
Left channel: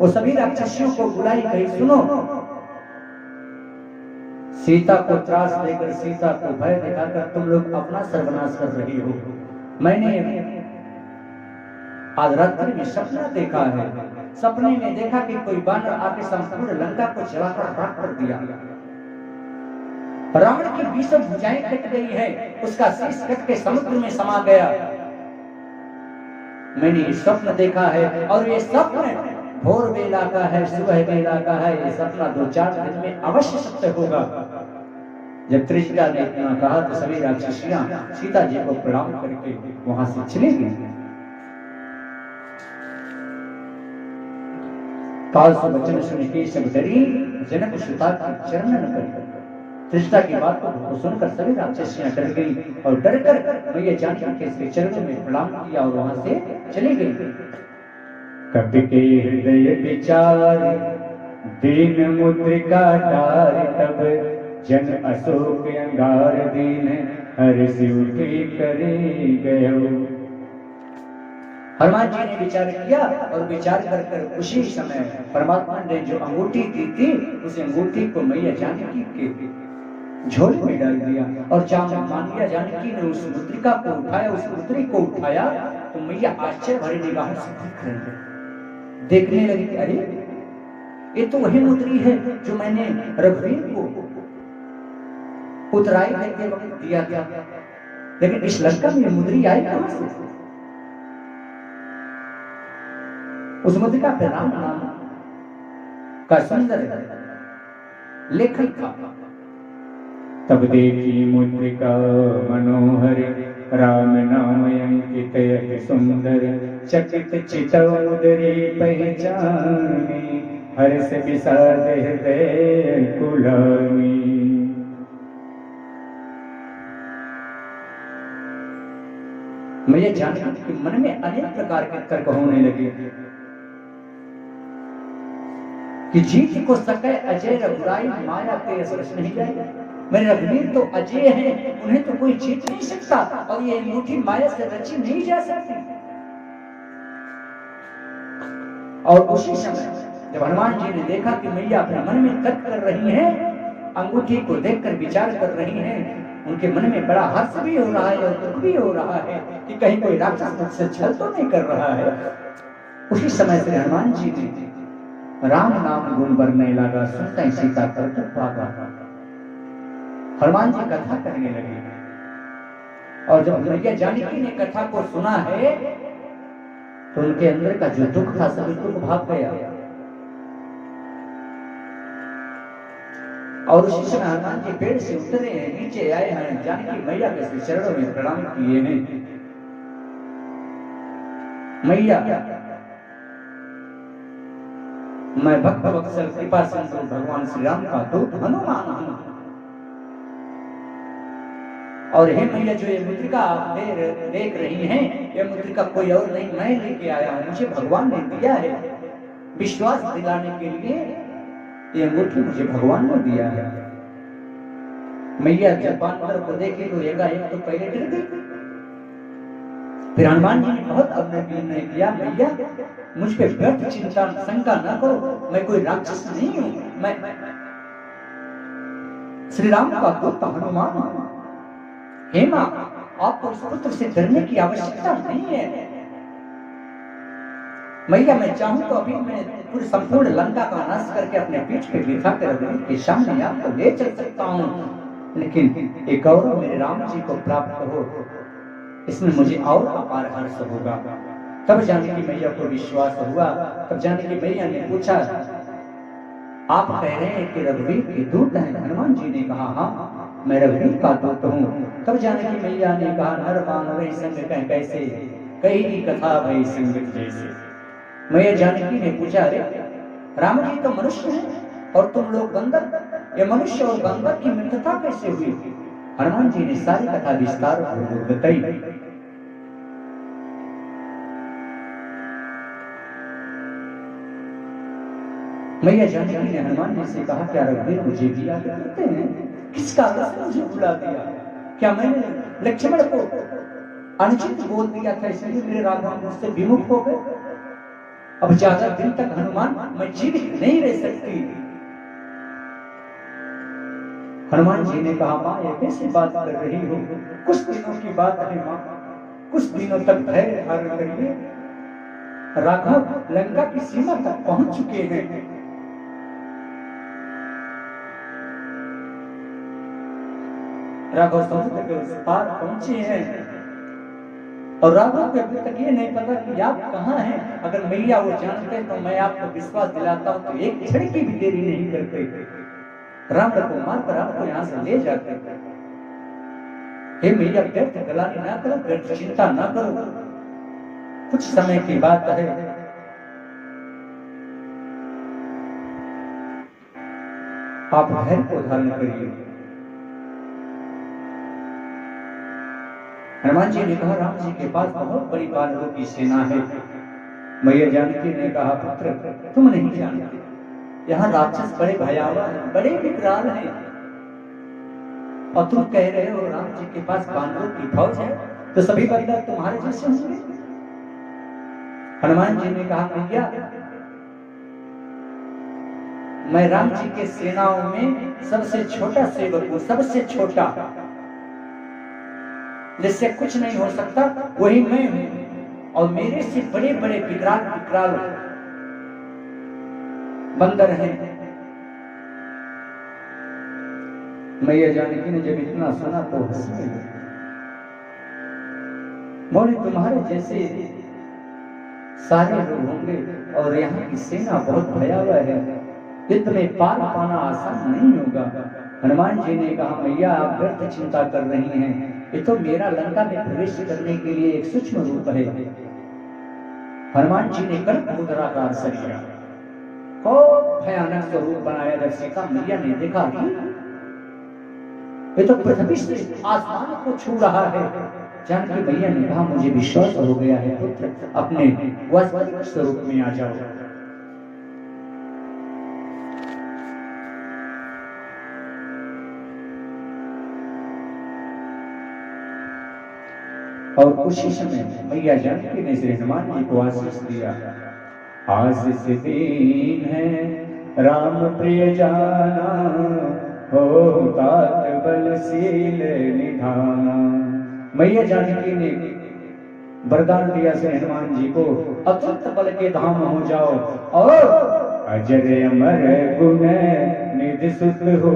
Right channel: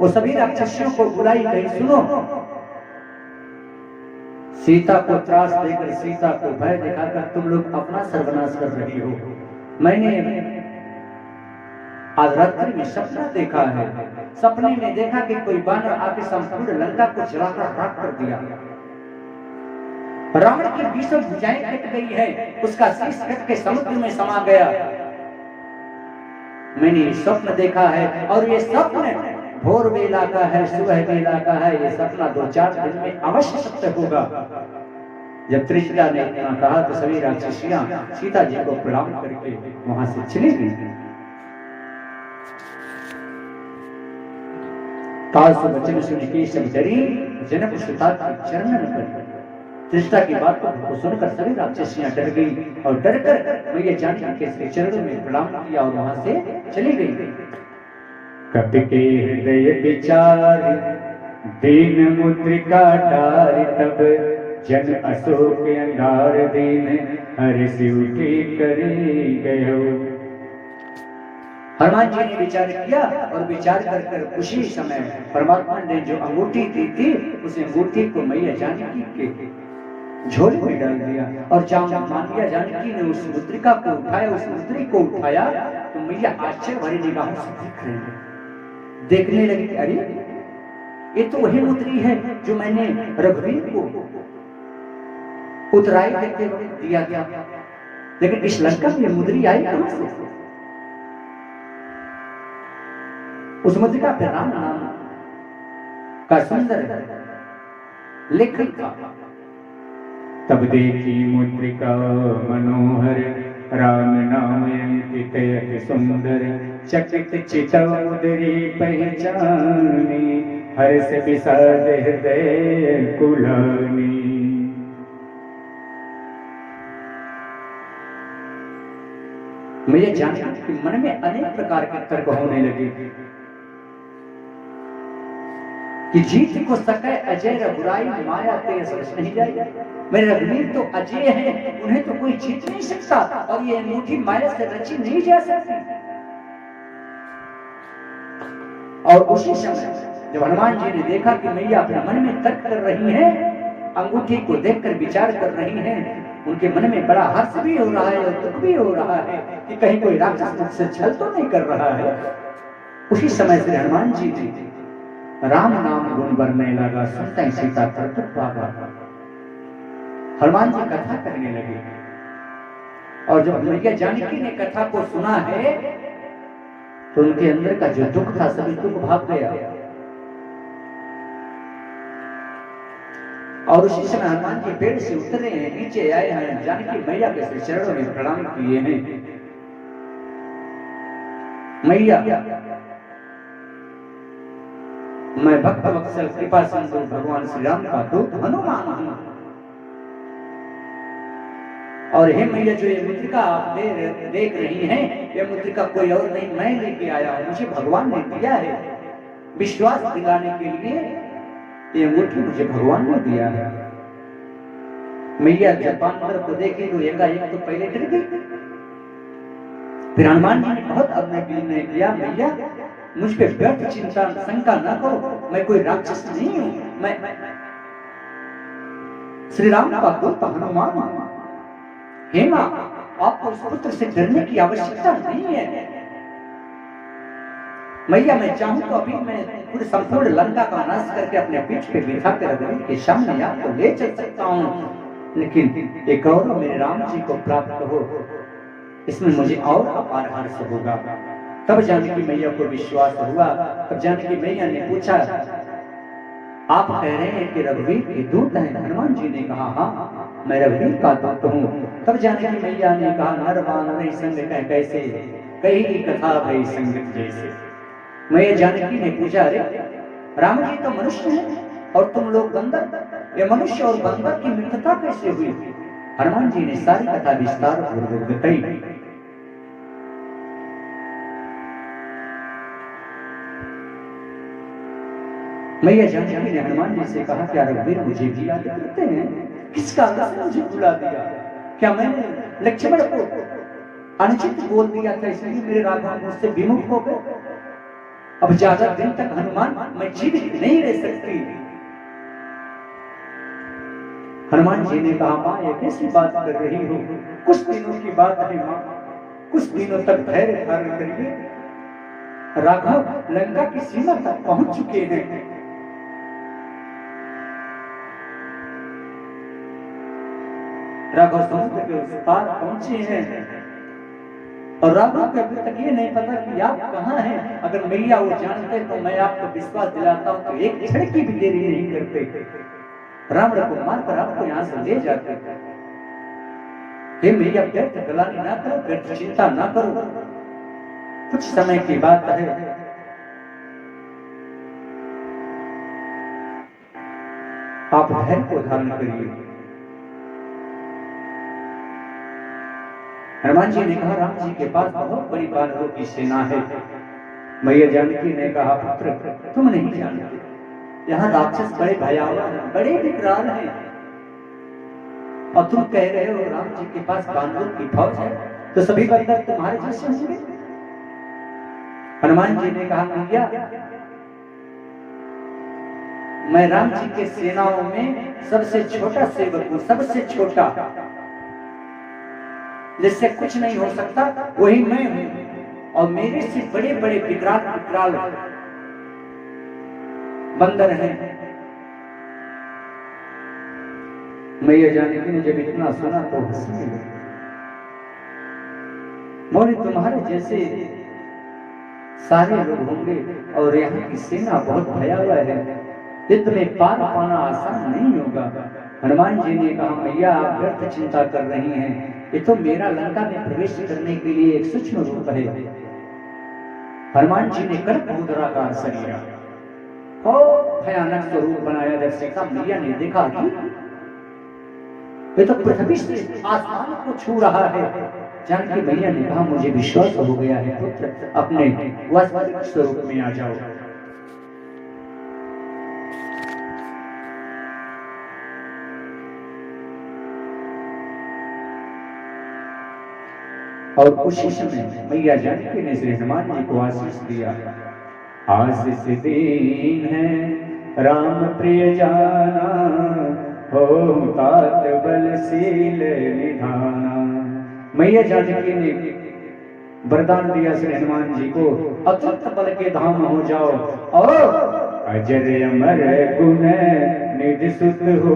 वो सभी राक्षसियों को बुलाई, कही सुनो, सीता को त्रास देकर, सीता को भय दिखाकर तुम लोग अपना सर्वनाश कर रही हो। मैंने आज रात्रि में सपना देखा है, सपने में देखा कि कोई बानर आके संपूर्ण लंका को जलाकर राख कर दिया। रावण की बीसों भुजाएं कट गई है, उसका शीश कट के समुद्र में समा गया। मैंने स्वप्न देखा है और ये स्वप्न भोर वेला का है, सुबह वेला का है। ये सपना 2-4 दिन में अवश्य सत्य होगा। जब त्रिजटा ने इतना कहा तो सभी राक्षसियां सीता जी को प्रणाम करके वहां से चली गई। पालतू वचन सुन के सब डरी, जनक सुता की चरणन पर। त्रिजटा की बात को सुनकर सभी राक्षसियां डर गई और डरकर मैया जानकी के श्री चरणों में प्रणाम किया और वहां से चली गई। कपि के हृदय विचार, दीन मुद्रिका डारि, तब जन अशोक अंगार दीन, हर्षि उठी करे गयो। हनुमान जी ने विचार किया और विचार कर उसी समय परमात्मा ने जो अंगूठी दी थी, उस अंगूठी को मैया जानकी के झोले में डाल दिया और मैया जानकी ने उस मुद्रिका को उठाया, उस मुद्री को उठाया तो मैया आश्चर्य भरी निगाहों से देख रहे हैं। देखने लगी, अरे ये तो वही मुद्री है जो मैंने रघुवीर को उतराई देते वक्त दिया था, लेकिन इस लंका में मुद्री आई कहां से? उस मुद्रिका पे राम नाम का सुंदर लेखन था। तब देखी मुद्रिका मनोहर, राम नाम अंकित अति सुंदर। चकित चितौदरी पहचाने, हर्ष विषाद हृदय कुलानी। मैया जानकी के मन में अनेक प्रकार के तर्क होने लगे कि जीत को सके अजय रघुराई, माया तेज रच नहीं जाए। मेरे रघुवीर तो अजय हैं, उन्हें तो कोई जीत नहीं सकता, और ये अंगूठी माया से रची नहीं जा सकती। और उसी समय जब हनुमान जी ने देखा कि मैया अपने मन में तर्क कर रही हैं, अंगूठी को देखकर विचार कर रही हैं, उनके मन में बड़ा हर्ष भी हो रहा है और दुख भी हो रहा है कि कहीं कोई राक्षस मुझसे छल तो नहीं कर रहा है। उसी समय से हनुमान जी ने राम नाम गुण बरने लगा, सुनता ही सीता तरत भागा। हनुमान जी कथा कहने लगे, और जब मैया जानकी ने कथा को सुना है तो उनके अंदर का जो दुख था सभी दुख भाग गया। और उसी समय हनुमान जी पेड़ से उतरे हैं, नीचे आए हैं, जानकी मैया के श्री चरणों में प्रणाम किए हैं। मैया, मैं भक्त वत्सल कृपा सिंधु भगवान श्री राम का दूत हनुमान हूं, और हे मैया जो ये मुद्रिका आप देख रही हैं, ये मुद्रिका कोई और नहीं मैं लेके आया हूं, मुझे भगवान ने दिया है। विश्वास दिलाने के लिए ये अंगूठी मुझे भगवान ने दिया है। मैया जब बानर को देखी तो एकाएक तो पहले डर गई, फिर हनुमान जी ने बहुत अपने विनय किया, मैया मुझ पे व्यर्थ चिंता शंका न करो, मैं कोई राक्षस नहीं हूं, मैं श्री राम का दूत हनुमान हूं। हे मां, आपको इस पुत्र से डरने की आवश्यकता नहीं है। मैया मैं चाहूं तो अभी मैं पूरी संपूर्ण लंका का नाश करके अपने पीठ पे बिठा कर रघुवीर के सामने आपको ले चल सकता हूं, लेकिन एक और मेरे राम जी को प्राप्त हो, इसमें मुझे और अपार हर्ष होगा। तब जानकी मैया को विश्वास हुआ। तब जानकी मैया ने पूछा, आप कह रहे हैं कि रघुवीर के दूत हैं? हनुमान जी ने कहा, हाँ मैं रघुवीर का दूत हूँ। तब जानकी मैया ने कहा, नर मानव संग कह कैसे, कही कथा भई संगत जैसे। मैया जानकी ने पूछा, अरे राम जी तो मनुष्य हैं और तुम लोग बंदर, ये मनुष्य और बंदर की मित्रता कैसे हुई? हनुमान जी ने सारी कथा विस्तार पूर्वक बताई। मैया जानकी ने हनुमान जी से कहा, क्या रघुवीर मुझे भी याद करते हैं? किस कारण से मुझे भुला दिया? क्या मैंने लक्ष्मण को अनुचित बोल दिया था इसलिए मेरे राघव मुझसे विमुख हो गए? अब ज्यादा दिन तक हनुमान मैं जीवित नहीं रह सकती। हनुमान जी ने कहा, मां ये कैसी बात कर रही हो? कुछ दिनों की बात है मां, कुछ दिनों तक धैर्य धारण करिए। राघव लंका की सीमा तक पहुंच चुके हैं। राघव समुद्र के उस पार पहुंचे हैं और राघव को अभी तक ये नहीं पता कि आप कहाँ हैं। अगर मैया वो जानते तो मैं आपको विश्वास दिलाता हूँ कि एक क्षण की भी देरी नहीं करते, रावण को मारकर आपको यहाँ से ले जाते। हे मैया, व्यर्थ गलानी ना करो, व्यर्थ चिंता ना करो, कुछ समय की बात है। आप धैर्य को धारण करिए। हनुमान जी ने कहा, राम जी के पास बहुत बड़ी बानरों की सेना है। मैया जानकी ने कहा, पुत्र तुम नहीं जानते, यहाँ राक्षस बड़े भयावह हैं, बड़े विकराल हैं, और तुम कह रहे हो राम जी के पास बानरों की फौज है, तो सभी बंदर तुम्हारे जैसे होंगे? हनुमान जी ने कहा, मैया मैं राम जी के सेनाओं में सबसे छोटा सेवक हूं, सबसे छोटा, जिससे कुछ नहीं हो सकता वही मैं हूं, और मेरे से बड़े बड़े विकराल बंदर हैं। मैया जानकी ने जब इतना सुना तो हंसने लगी, बोली तुम्हारे जैसे सारे लोग होंगे और यहाँ की सेना बहुत भयावह है, इतने पार पाना आसान नहीं होगा। हनुमान जी ने कहा, मैया आप व्यर्थ चिंता कर रही हैं, ये तो मेरा लंका में प्रवेश करने के लिए एक सूक्ष्म रूप है। हनुमान जी ने कर्क मुद्राकार शरीर और भयानक स्वरूप बनाया। जब सीता मैया ने देखा कि ये तो पृथ्वी से आसमान को छू रहा है, जानकी मैया ने कहा मुझे विश्वास हो गया है पुत्र, अपने वास्तविक स्वरूप में आ जाओ। और उसी समय मैया जानकी ने श्री हनुमान जी को आशीष दिया। आशीष दीन है राम प्रिय जाना, हो तात बलशील निधाना। मैया जानकी ने वरदान दिया श्री हनुमान जी को, अतुलित बल के धाम हो जाओ और अजर अमर गुण निधि सुत हो,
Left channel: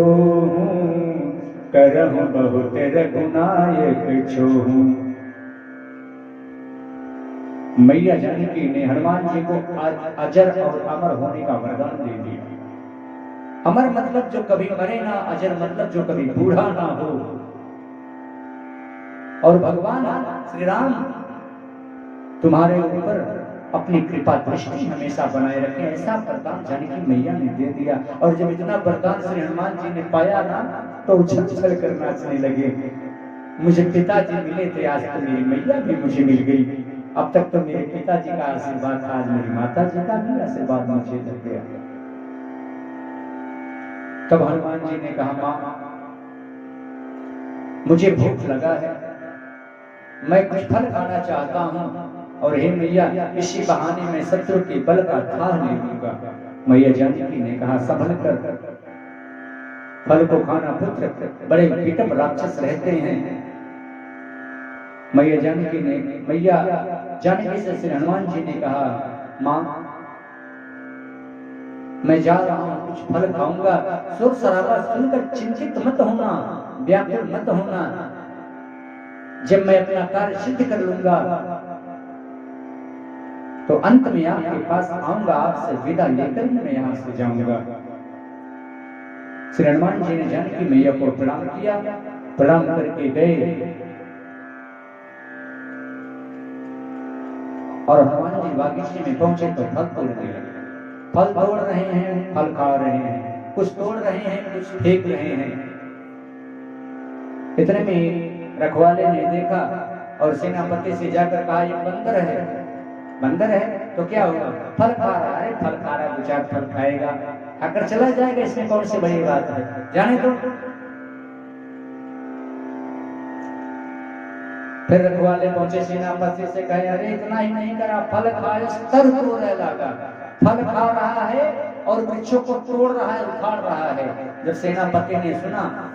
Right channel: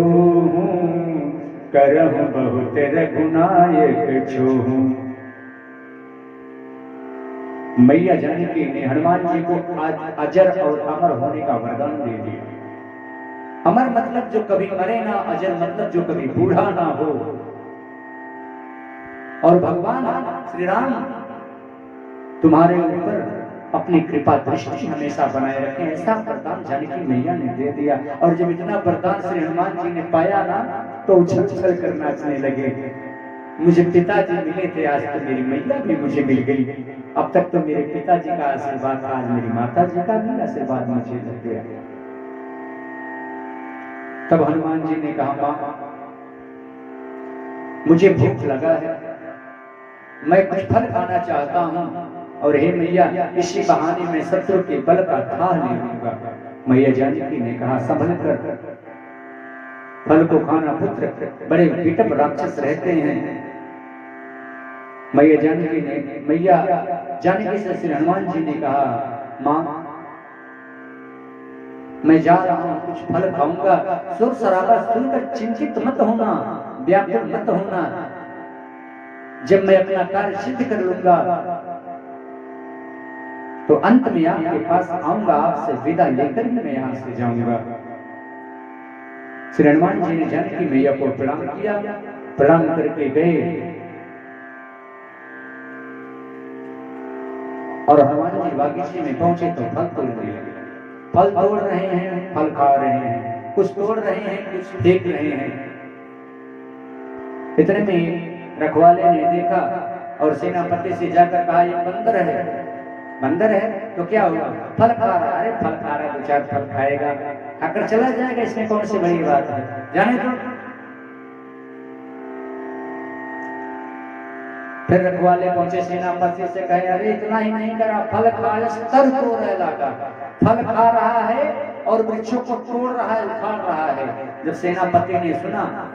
करहु बहुत रघुनायक छोहू। मैया जानकी ने हनुमान जी को अजर और अमर होने का वरदान दे दिया। अमर मतलब जो कभी मरे ना, अजर मतलब जो कभी बूढ़ा ना हो। और भगवान श्री राम तुम्हारे ऊपर अपनी कृपा दृष्टि हमेशा बनाए रखें, ऐसा वरदान जानकी मैया ने दे दिया। और जब इतना वरदान श्री हनुमान जी ने पाया ना, तो उछल उछल कर नाचने लगे। मुझे पिताजी मिले थे, आज तो मेरी मैया भी मुझे मिल गई। अब तक तो मेरे पिताजी का आशीर्वाद था, आज मेरी माता जी का भी आशीर्वाद मुझे लग गया। तब हनुमान जी ने कहा मां, मुझे भूख लगा है, मैं कुछ फल खाना चाहता हूं, और हे मैया इसी बहाने मैं शत्रु के बल का थाह ले लूंगा। मैया जानकी ने कहा संभल कर फल को खाना पुत्र, बड़े विकट राक्षस रहते हैं। मैया जानकी से श्री हनुमान जी ने कहा मां, मैं जा रहा हूं, कुछ फल खाऊंगा, सुर सराबा सुनकर चिंतित मत होना, व्याकुल मत होना। जब मैं अपना कार्य सिद्ध कर लूंगा तो अंत में आपके पास आऊंगा, आपसे विदा लेकर ही मैं यहां से जाऊंगा। श्री हनुमान जी ने जानकी मैया को प्रणाम किया, प्रणाम करके गए और हनुमान जी बागीचे में पहुंचे तो फल तोड़ने लगे। फल तोड़ रहे हैं, फल खा रहे हैं, कुछ तोड़ रहे हैं, कुछ फेंक रहे हैं। इतने में रखवाले ने देखा और सेनापति से जाकर कहा ये बंदर है। बंदर है तो क्या हुआ, फल खा रहा है। अरे फल खा रहा है, दो चार फल खाएगा, खाकर चला जाएगा, इसमें कौन सी बड़ी बात है, जाने दो। फिर रखवाले पहुंचे सेनापति से कहे अरे इतना ही नहीं करा, फल खाए सर तोड़ने लगा। फल खा रहा है और वृक्षों को तोड़ रहा है, उखाड़ रहा है। जब सेनापति ने सुना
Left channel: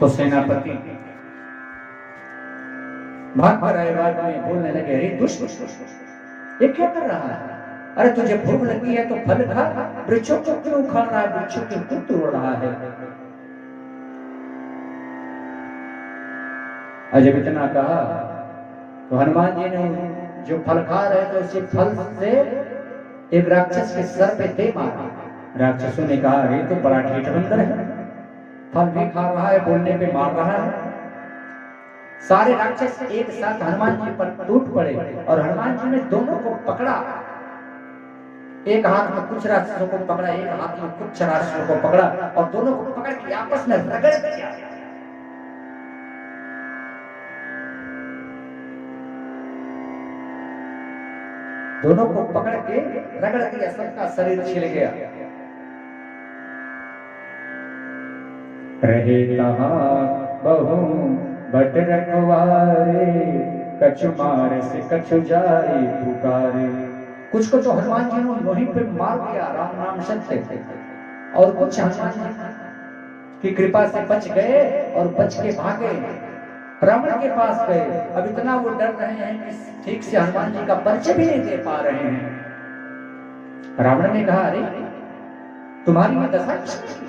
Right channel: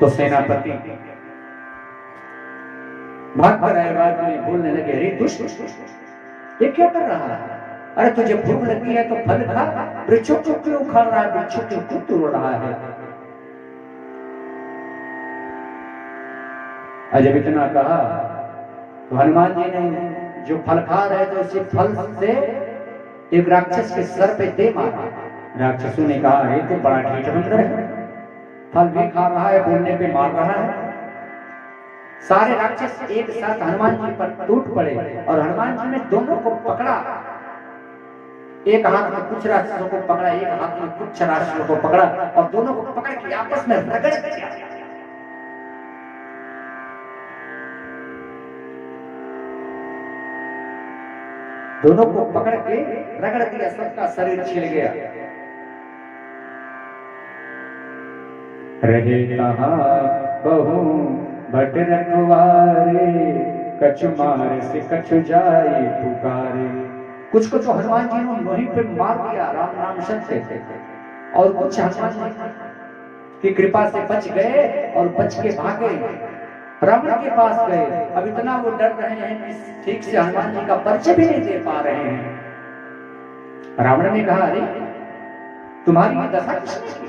तो सेनापति भाग कर आए, बाद में बोलने लगे अरे दुष्ट, ये क्या कर रहा है? अरे तुझे भूख लगी है तो फल खा, वृक्षों को क्यों उखाड़ रहा है, वृक्षों को क्यों तोड़ रहा है? और जब इतना कहा तो हनुमान जी ने जो फल खा रहे थे उसी फल से एक राक्षस के सर पे दे मारा। राक्षसों ने कहा ये तो बड़ा ठेठ बंदर है, फल भी खा रहा है, बोलने पे मार रहा है। सारे राक्षस एक साथ हनुमान जी पर टूट पड़े और हनुमान जी ने दोनों को पकड़ा। एक हाथ में कुछ राक्षसों को पकड़ा, एक हाथ में कुछ राक्षसों को पकड़ा और दोनों को पकड़ के आपस में रगड़ दिया। दोनों को पकड़ के रगड़ दिया, सबका शरीर छिल गया। रहे कहाँ बहु भट रखवारे, कछु मार से कछु जाए पुकारे। कुछ को तो हनुमान जी ने वहीं पे मार दिया राम नाम सत्य, और कुछ हनुमान जी की कृपा से बच गए और बच के भागे, रावण के पास गए। अब इतना वो डर रहे हैं कि ठीक से हनुमान जी का परिचय भी नहीं दे पा रहे हैं। रावण ने कहा अरे तुम्हारी ये दशा किसने की?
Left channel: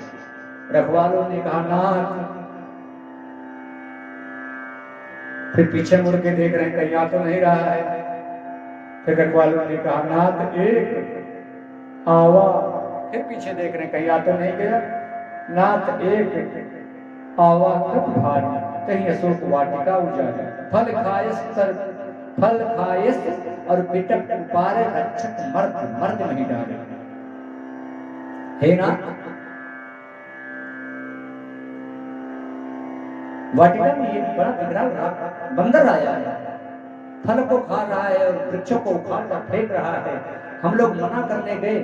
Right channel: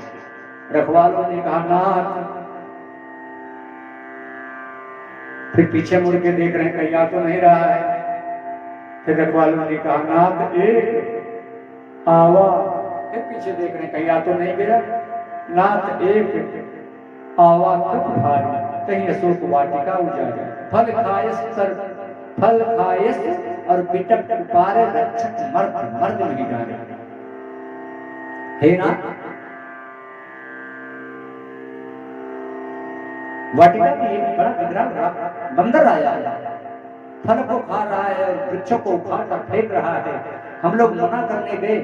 रखवालों ने कहा नाथ। फिर पीछे मुड़ के देख रहे हैं कहीं आ तो नहीं रहा है। फिर रखवालों ने कहा नाथ एक आवा। फिर पीछे देख रहे हैं कहीं आ तो नहीं गया। नाथ एक आवा कब भारी, कहीं अशोक वाटिका उजाड़ी, फल खाए सर फल खायस और बिटप उपारे रक्षक मर्द मर्द नहीं डाले। हे नाथ, वाटिका में एक बड़ा विकराल बंदर आया है, फल को खा रहा है और वृक्षों को उखाड़ कर फेंक रहा है। हम लोग मना करने गए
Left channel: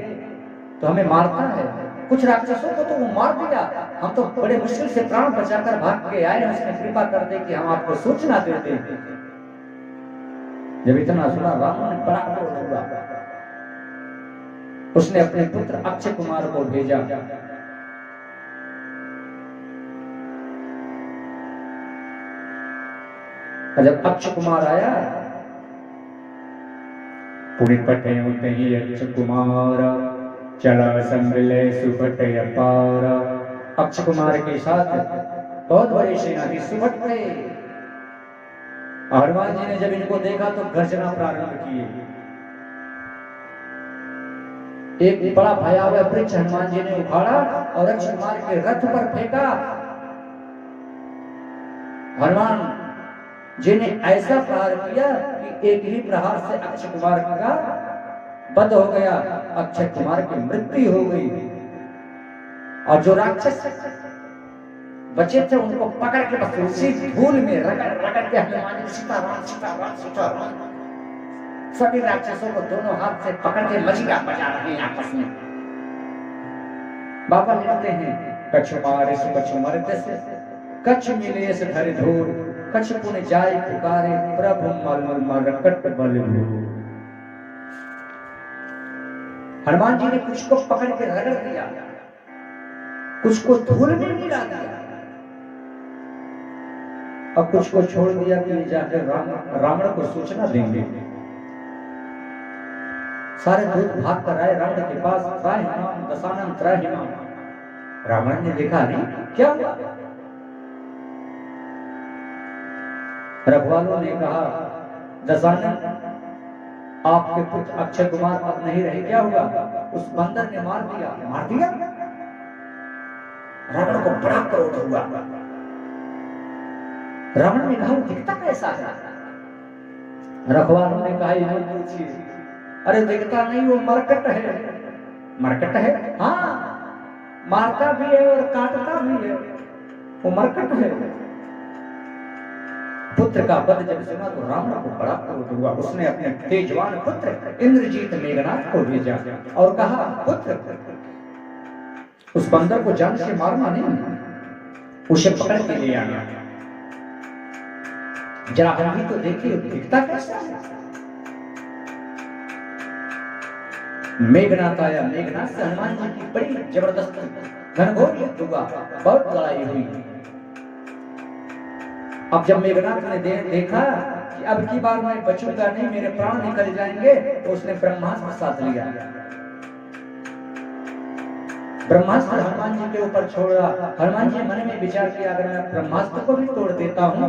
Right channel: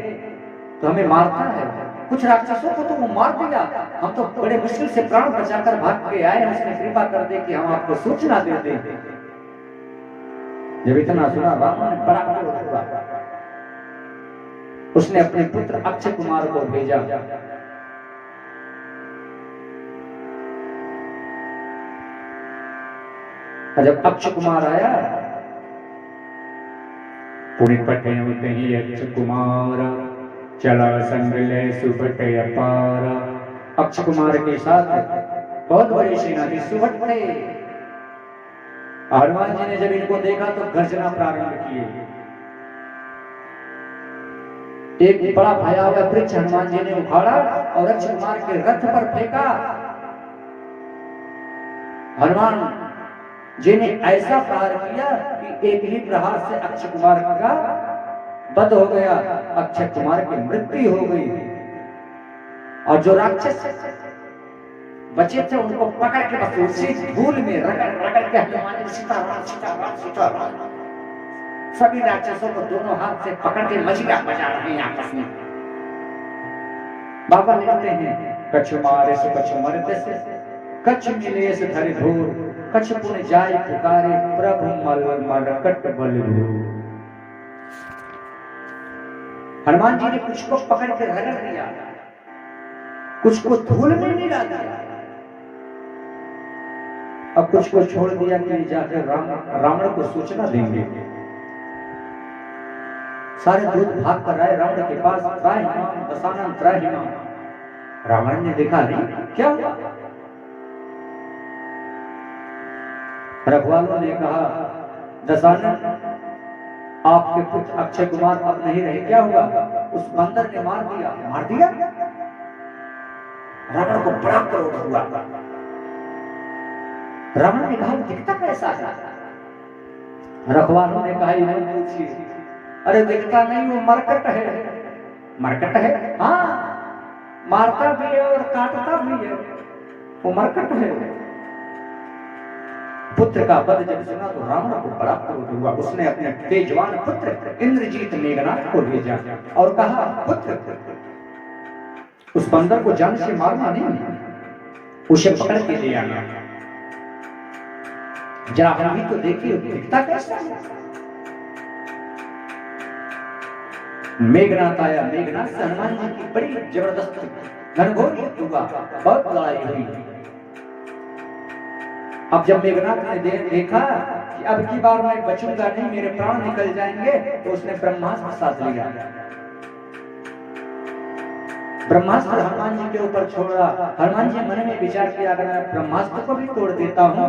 तो हमें मारता है। कुछ राक्षसों को तो वो मार दिया, हम तो बड़े मुश्किल से प्राण बचाकर भाग के आए। उसने कृपा कर दे कि हम आपको सूचना दे दें। जब इतना सुना रावण ने बड़ा क्रोध हुआ। उसने अपने पुत्र अक्षय कुमार को भेजा। जब अक्षय कुमार आया, पुरी पटयों तही अक्षय कुमार, चला संग ले सुभट अपार। अक्षय कुमार के साथ बहुत बड़ी सेना थी, सुभट थे। हनुमान जी ने जब इनको देखा तो गर्जना प्रारंभ किए। एक बड़ा भयावह वृक्ष हनुमान जी ने उखाड़ा और अक्षय कुमार के रथ पर फेंका। हनुमान जी ने ऐसा प्रहार किया कि एक ही प्रहार से अक्षय कुमार का वध हो गया। अक्षय कुमार की मृत्यु हो गई और जो राक्षस बचे थे उनको पकड़ के बस उसी धूल में रगड़ रगड़ के हनुमान जी सीताराम सीताराम सीताराम, सभी राक्षसों को दोनों हाथ से पकड़ के मजीरा बजा रहे हैं आपस में। बाबा लिखते हैं, कछु मारे से कछु मरते से, कछु मिले से धरे धूल, कछु पुण्य जाय पुकारे, प्रभु मल मरकट बल भूल। हनुमान जी ने कुछ को पकड़ के रगड़ दिया, कुछ को धूल में मिला दिया और कुछ को छोड़ दिया कि जाकर रावण को सूचना देंगे। सारे दूत भाग कर आए रावण के पास। त्राहिमाम दशानन त्राहिमाम। रावण ने देखा, नहीं क्या हुआ? रघुवालों ने कहा, दशानन आपके पुत्र अक्षय कुमार अब नहीं रहे, क्या हुआ? उस बंदर ने मार दिया। मार दिया? रावण को बड़ा क्रोध हुआ। रावण ने कहा, दिखता कैसा है? रघुवालों ने कहा, ये पूछिए। अरे दिखता नहीं, वो मरकट है। मरकट है? हाँ, मारता भी है और काटता भी है, वो मरकट है। पुत्र का वध जब सुना तो रावण को बड़ा क्रोध हुआ। उसने अपने तेजवान पुत्र इंद्रजीत मेघनाथ को भेजा और कहा, पुत्र उस बंदर को जान से मारना नहीं, उसे पकड़ के ले आना। जरा हम भी तो देखिए दिखता कैसा है। मेघनाथ आया। मेघनाथ से हनुमान जी की बड़ी जबरदस्त घनघोर युद्ध हुआ, बहुत लड़ाई हुई। अब जब मेघनाथ ने देखा कि अब की बार मैं बचूंगा नहीं, मेरे प्राण निकल जाएंगे, तो उसने ब्रह्मास्त्र साध लिया। ब्रह्मास्त्र हनुमान जी के ऊपर छोड़ा। हनुमान जी मन में विचार किया, अगर मैं ब्रह्मास्त्र को भी तोड़ देता हूं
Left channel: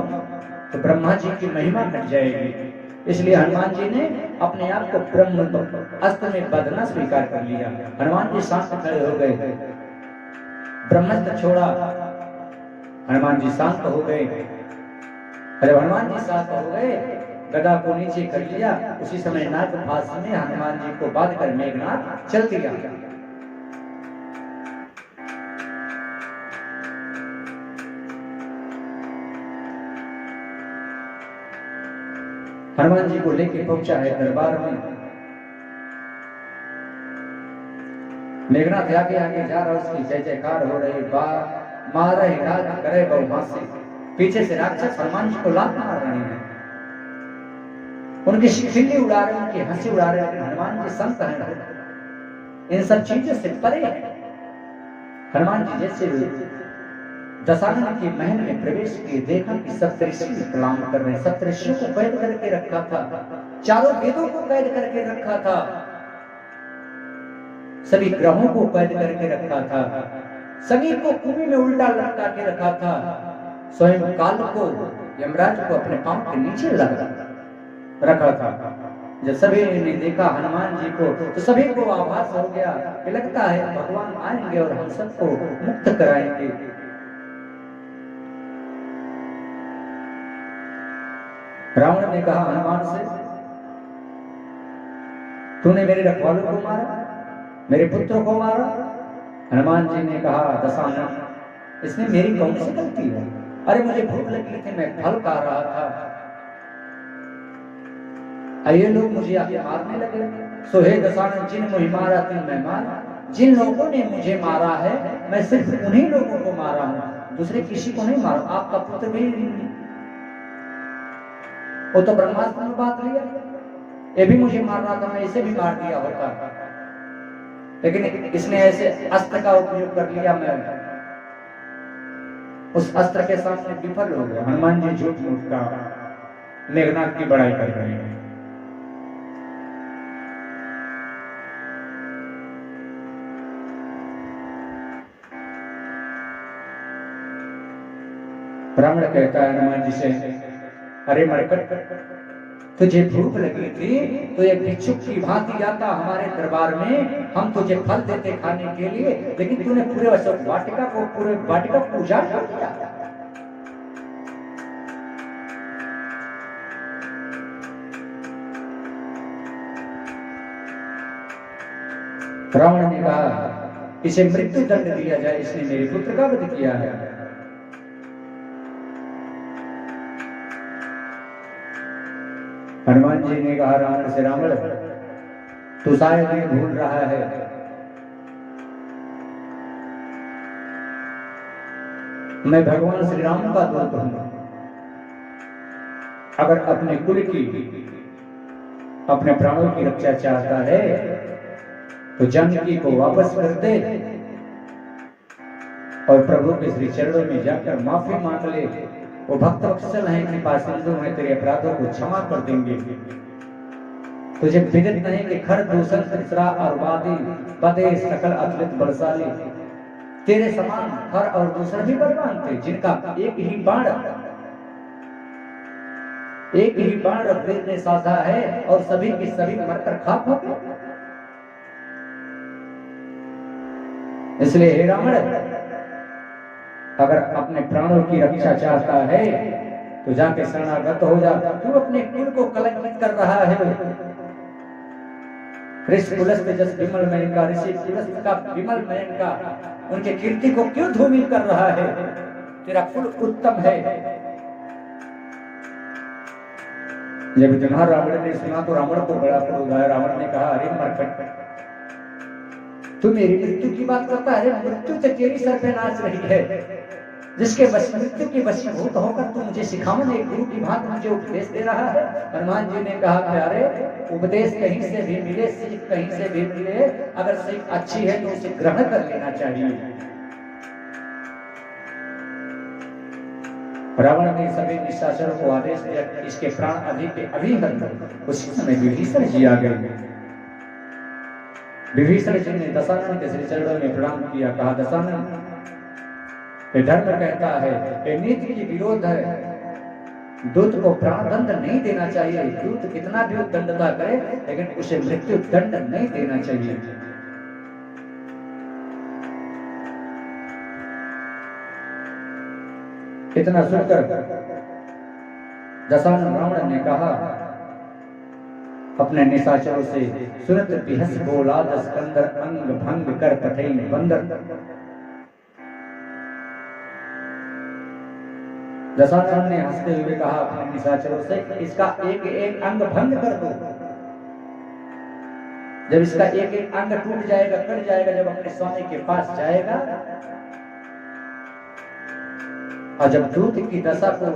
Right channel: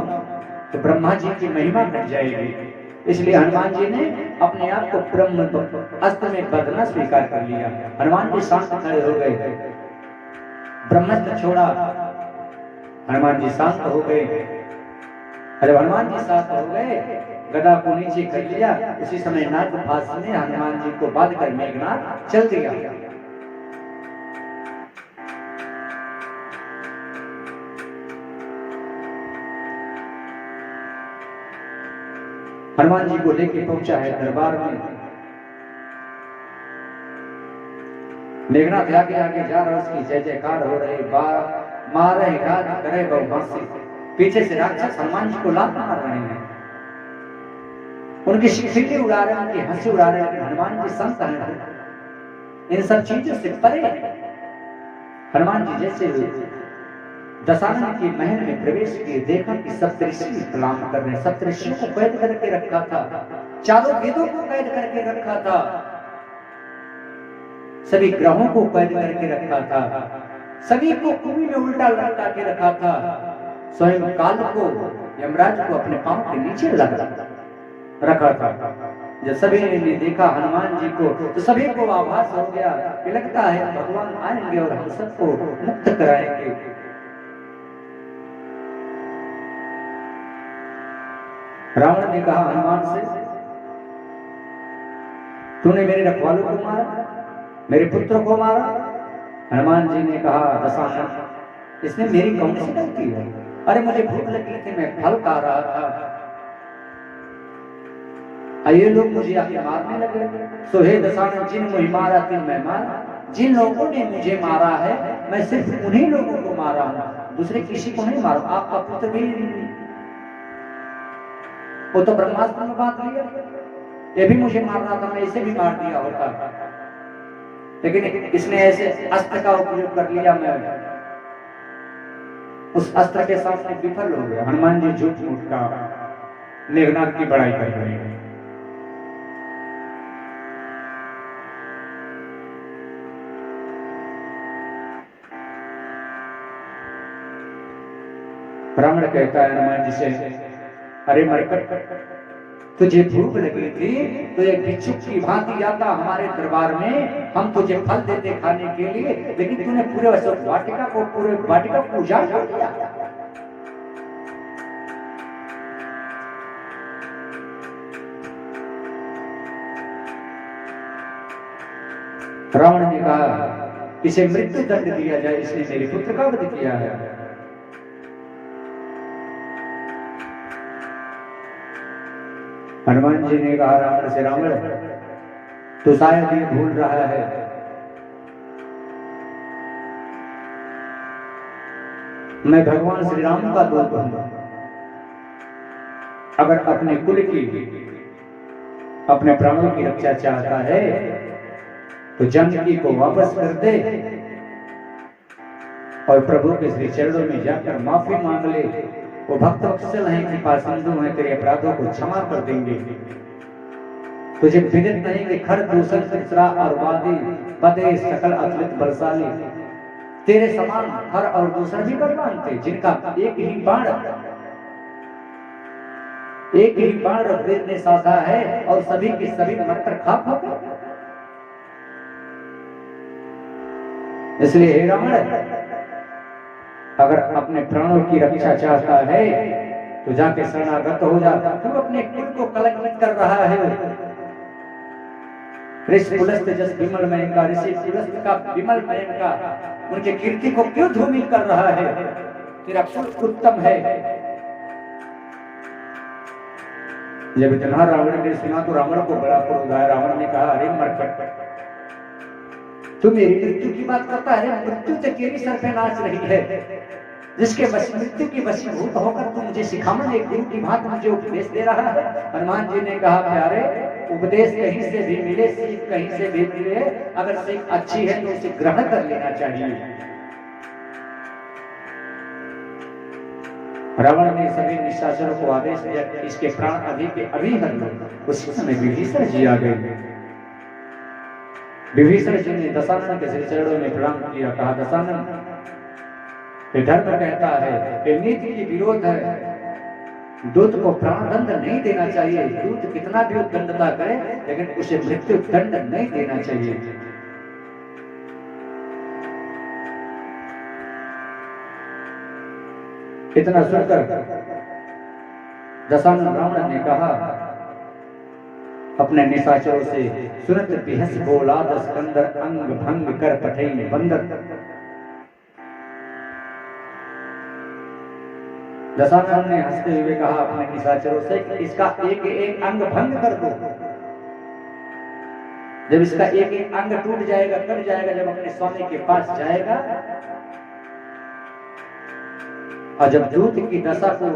तो ब्रह्मा जी की महिमा घट जाएगी। इसलिए हनुमान जी ने अपने आप को ब्रह्म अस्त्र में बदलना स्वीकार कर लिया। हनुमान जी शांत खड़े हो गए, ब्रह्मास्त्र छोड़ा, हनुमान जी शांत हो गए। जब हनुमान जी शांत हो गए, गदा को नीचे कर लिया। उसी समय नागपाश में हनुमान जी को बांध कर मेघनाथ चल दिया। हनुमान जी को लेके पहुंचा है दरबार में। मेघनाथ आगे आगे जा रहा, उसकी जय जयकार हो रही, मारे घात करे बहुमासी। पीछे से राक्षस हनुमान जी को लात मार रहे हैं, उनकी शिखिली उड़ा रहे हैं, उनकी हंसी उड़ा रहे हैं। हनुमान जी संत हैं, इन सब चीजों से परे। हनुमान जी जैसे दशानन के महल में प्रवेश किए, देखा कि सप्तऋषि प्रणाम कर रहे हैं। सप्तऋषियों को कैद करके रखा था, चारों वेदों को कैद करके रखा था, सभी ग्रहों को कैद करके रखा था, सभी को कुएं में उल्टा लटका के रखा था। स्वयं काल को, यमराज को अपने पांव के नीचे लगा रखा था। जब सभी ने देखा हनुमान जी को तो सभी को आभास हो गया कि लगता है भगवान आएंगे और हम सबको मुक्त कराएंगे। रावण ने कहा हनुमान से, तूने मेरे रखवालों को मारा, मेरे पुत्र को मारा। हनुमान जी ने कहा दशानन, इसमें मेरी कौन सी गलती है? अरे मुझे भूख लगी थी, मैं फल खा रहा था, ये लोग मुझे आके मारने लगे। सो हे दशानन, जिन मुझे मारा तिन मैं मारा। जिन लोगों ने मुझे मारा है मैं सिर्फ उन्हीं लोगों को मारा हूं, दूसरे किसी को नहीं मारा। आपका पुत्र भी वो तो ब्रह्मास्त्र में बात लिया, ये भी मुझे मार रहा था, मैं इसे भी मार दिया होता, लेकिन इसने ऐसे अस्त्र का उपयोग कर लिया, मैं उस अस्त्र के सामने विफल हो गया। हनुमान जी झूठ मूठ का मेघनाथ की बड़ाई कर रहे हैं। ब्राह्मण कहता है हनुमान जी से, अरे मरकट, तुझे भूख लगी थी तो एक भिक्षुक की भांति आता हमारे दरबार में, हम तुझे फल देते खाने के लिए, लेकिन तूने पूरे वाटिका को उजाड़ कर दिया। रावण ने कहा इसे मृत्यु दंड दिया जाए, इसने मेरे पुत्र का वध किया है। हनुमान जी ने कहा रावण से, रावण तू शायद ये भूल रहा है, मैं भगवान श्री राम का दूत हूं। अगर अपने कुल की, अपने प्राणों की रक्षा चाहता है तो जानकी को वापस कर दे और प्रभु के श्री चरणों में जाकर माफी मांग ले। वो भक्त वत्सल हैं, कृपा सिंधु हैं, तेरे अपराधों को क्षमा कर देंगे। तुझे विदित नहीं कि खर दूषण तीसरा और वादी बदे सकल अतुलित बलशाली, तेरे समान खर और दूसर भी बलवान थे, जिनका एक ही बाण ऋग्वेद ने साधा है और सभी के सभी मरकर खाक हो गए। इसलिए हे रावण, अगर अपने प्राणों की रक्षा चाहता है तो जाके शरणागत हो जा। तू अपने कुल को कलंकित कर रहा है। ऋषि पुलस्त जस विमल मयन का, ऋषि पुलस्त का विमल मयन का, उनके कीर्ति को क्यों धूमिल कर रहा है? तेरा कुल उत्तम है। जब जन्हा रावण ने सुना तो रावण को बड़ा क्रोध आया। रावण ने कहा, अरे मरकट, तू मेरी मृत्यु की बात करता है? मृत्यु तो तेरी सर पे नाच रही है, जिसके मृत्यु की वशीभूत होकर तू मुझे सिखावन एक गुरु की भांति मुझे उपदेश दे रहा है। हनुमान जी ने कहा, प्यारे, उपदेश कहीं से भी मिले, सीख कहीं से भी मिले, अगर सीख अच्छी है तो उसे ग्रहण कर लेना चाहिए। रावण ने सभी निशाचरों को आदेश दिया कि इसके प्राण अभी के अभी हर लो। उस समय विभीषण जी आ गए। विभीषण जी ने दशानन के श्री चरणों में प्रणाम किया। कहा, दशानन, धर्म कहता है, ये नीति की विरोध है, दूत को प्राण दंड नहीं देना चाहिए। दूत कितना भी दंडता करे लेकिन उसे मृत्यु दंड नहीं देना चाहिए। इतना सुनकर दशानन रावण ने कहा अपने निशाचरों से, सुनत बिहस बोला दस्कंदर, अंग भंग कर पठई बंदर। दशानन ने हंसते हुए कहा अपने निशाचरों से, इसका एक एक अंग भंग कर दो। जब इसका एक एक अंग टूट जाएगा, कट जाएगा, जब अपने स्वामी के पास जाएगा और जब दूत की दशा को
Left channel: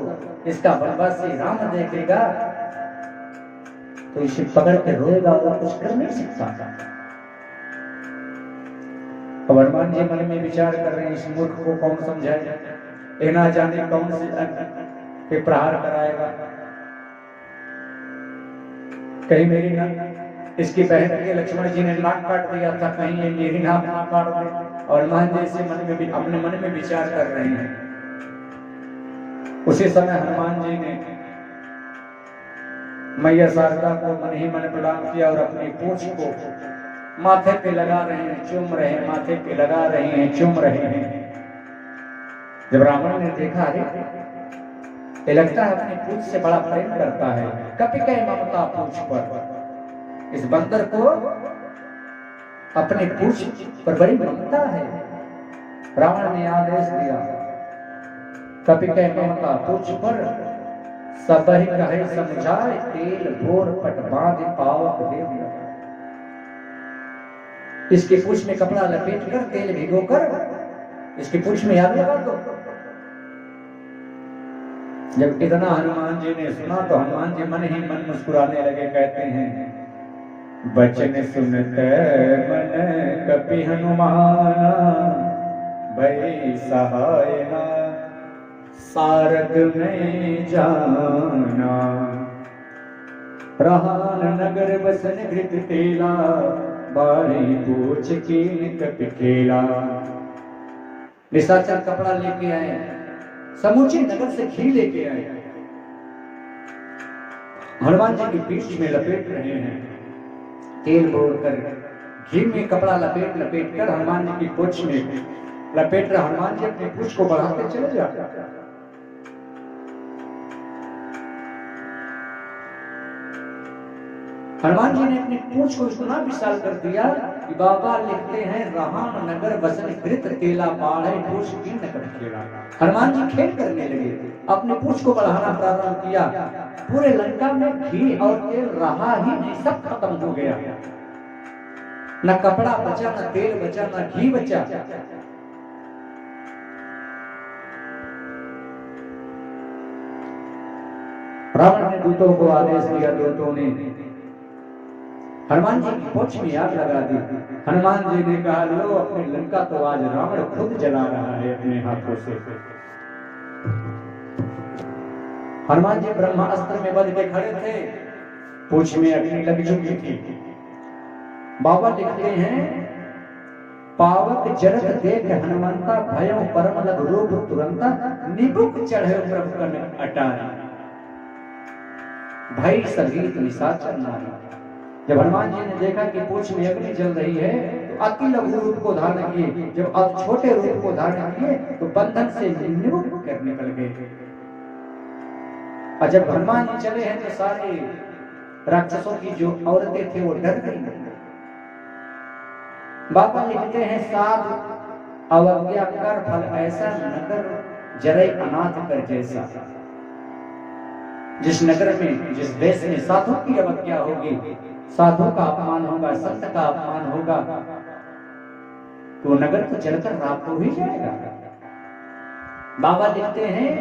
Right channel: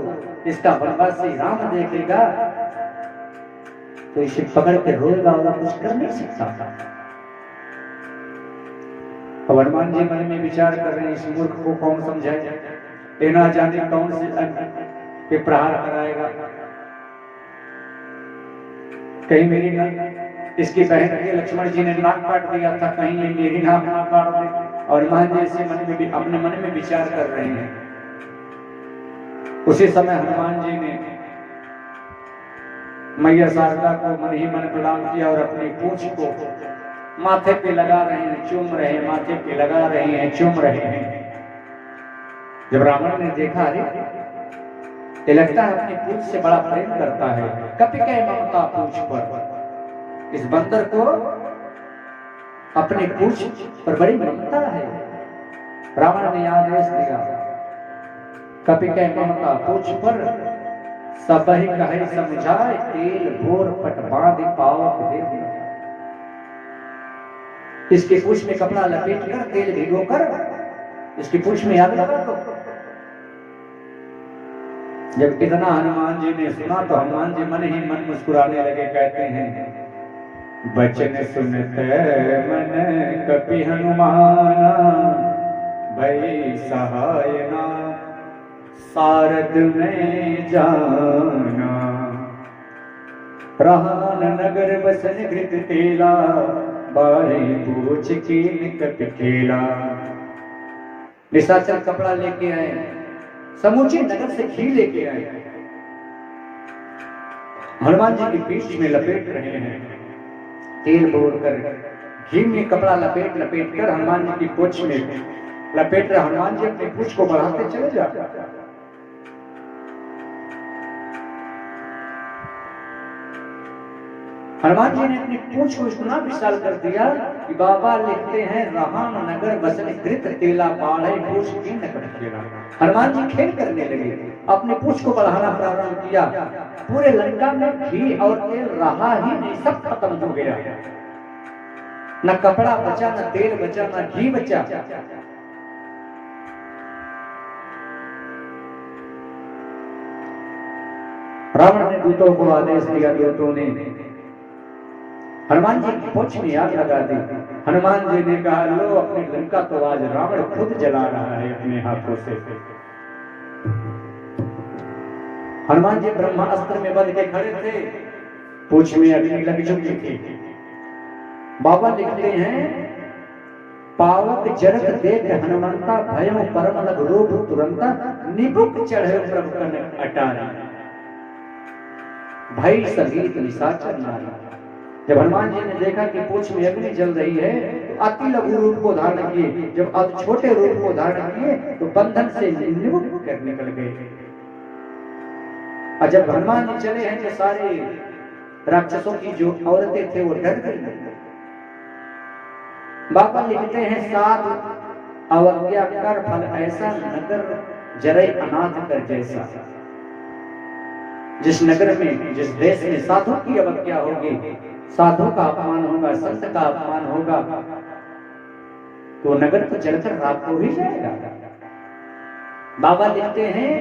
इसका वनवासी राम देखेगा तो इसे पकड़ के रोएगा और कुछ कर नहीं सकता। तो हनुमान जी मन में विचार कर रहे हैं, इस मूर्ख को कौन समझाए, ये ना जाने कौन से प्रहार कराएगा। कहीं मेरी इसकी बहन के लक्ष्मण जी ने नाक काट दिया था, कहीं ये मेरी नाक ना काट दे। और हनुमान जी इसी मन में भी अपने मन में विचार कर रहे हैं। उसी समय हनुमान जी ने मैया शारदा को मन ही मन प्रणाम किया और अपनी पूंछ को माथे पे लगा रहे हैं, चूम रहे हैं, माथे पे लगा रहे हैं, चूम रहे हैं। जब रावण ने देखा, अरे ये लगता है अपनी पूंछ से बड़ा प्रेम करता है। कपि कह ममता पूंछ पर, इस बंदर को अपने पूंछ पर बड़ी ममता है। रावण ने आदेश दिया, कपि कह ममता पूंछ पर, सब ही कहे समझाए, तेल भोर पट बांध पावक दे दिया। इसकी पूंछ में कपड़ा लपेट कर, तेल भिगोकर इसकी पूंछ में आग लगा दो। जब इतना हनुमान जी ने सुना तो हनुमान जी मन ही मन मुस्कुराने लगे। कहते हैं, बचन सुनते मन कपि हनुमाना, भई सहाय ना सारद में जाना। रहान नगर बसन घृत तेला, बारे पूछ के कपि खेला। निशाचर कपड़ा लेके आए, समूचे नगर से घी लेके आए, हनुमान जी की पीठ में लपेट रहे हैं। तेल बोल कर घी में कपड़ा लपेट लपेट कर हनुमान जी की पूंछ में लपेट रहे। हनुमान जी अपनी पूंछ को बढ़ाते चले जाते। हनुमान जी ने अपनी पूंछ को इतना विशाल कर दिया कि बाबा लिखते हैं, रहान नगर बसन घृत तेला, बाढ़े पूछ की नगर खेला। हनुमान जी खेल करने लगे, अपनी पूंछ को बढ़ाना प्रारंभ किया। पूरे लंका में घी और तेल रहा ही नहीं, सब खत्म हो गया। न कपड़ा बचा, न तेल बचा, न घी बचा। रावण ने दूतों को आदेश दिया, दूतों ने हनुमान जी की पूंछ में आग लगा दी। हनुमान जी ने कहा, लो अपनी लंका तो आज रावण खुद जला रहा है अपने हाथों से। हनुमान जी ब्रह्मास्त्र में बंध के खड़े थे, पूंछ में अग्नि लग चुकी थी। बाबा लिखते हैं, पावक जरत देख हनुमंता, भयं परम लग रूप तुरंता, निबुक चढ़े प्रभु कन अटारी। भय सहित निशाचर नारी। जब हनुमान जी ने देखा कि पूंछ में अग्नि जल रही है तो अति लघु रूप को धारण किए। जब अब छोटे रूप को धारण किए तो बंधन से निवृत्त कर निकल गए। और जब हनुमान जी चले हैं तो सारे राक्षसों की जो औरतें थे वो डर गई। बाबा लिखते हैं, साध अवज्ञा कर फल ऐसा, नगर जरई अनाथ कर जैसा। जिस नगर में, जिस देश में साधु की अवज्ञा होगी, साधु का अपमान होगा, संत का अपमान होगा, तो नगर तो जलकर रात को ही जाएगा। बाबा लिखते हैं,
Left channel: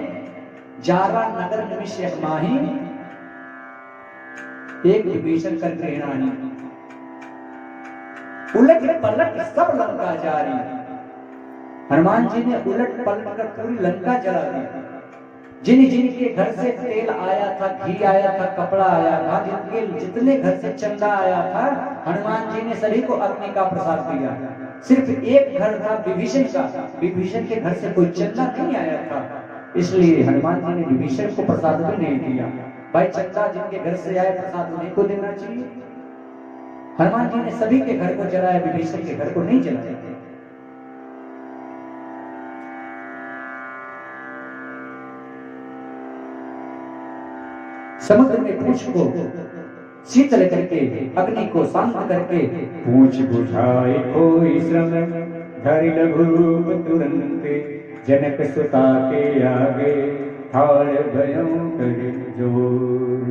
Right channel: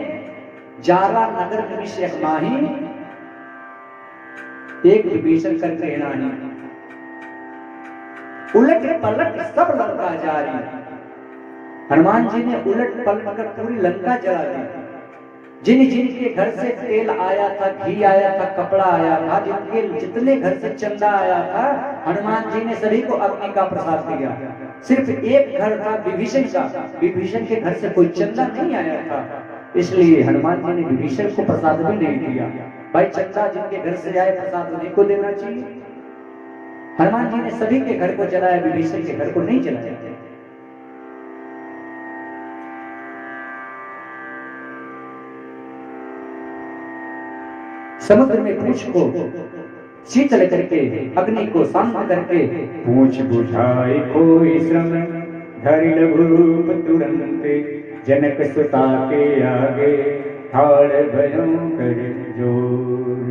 जारा नगर निमिष एक माही, एक विभीषण कर ग्रहणानी, उलट पलट सब लंका जारी। हनुमान जी ने उलट पलट कर पूरी लंका जला दी। जिन जिनके घर से तेल आया था, घी आया था, कपड़ा आया था, जिनके जितने घर से चंदा आया था, हनुमान जी ने सभी को अग्नि का प्रसाद दिया। सिर्फ एक घर था विभीषण का, विभीषण के घर से कोई चंदा नहीं आया था, इसलिए हनुमान जी ने विभीषण को प्रसाद भी नहीं दिया। भाई चंदा जिनके घर से आए प्रसाद उन्हीं को देना चाहिए। हनुमान जी ने सभी के घर को जलाया, विभीषण के घर को नहीं जलाया। समुद्र में पूंछ को शीतल करके, अग्नि को शांत करके, पूछ बुझाए कोई श्रम, धरि लघु रूप तुरंत, जनक सुता के आगे ठाड़ भयों कर जोर।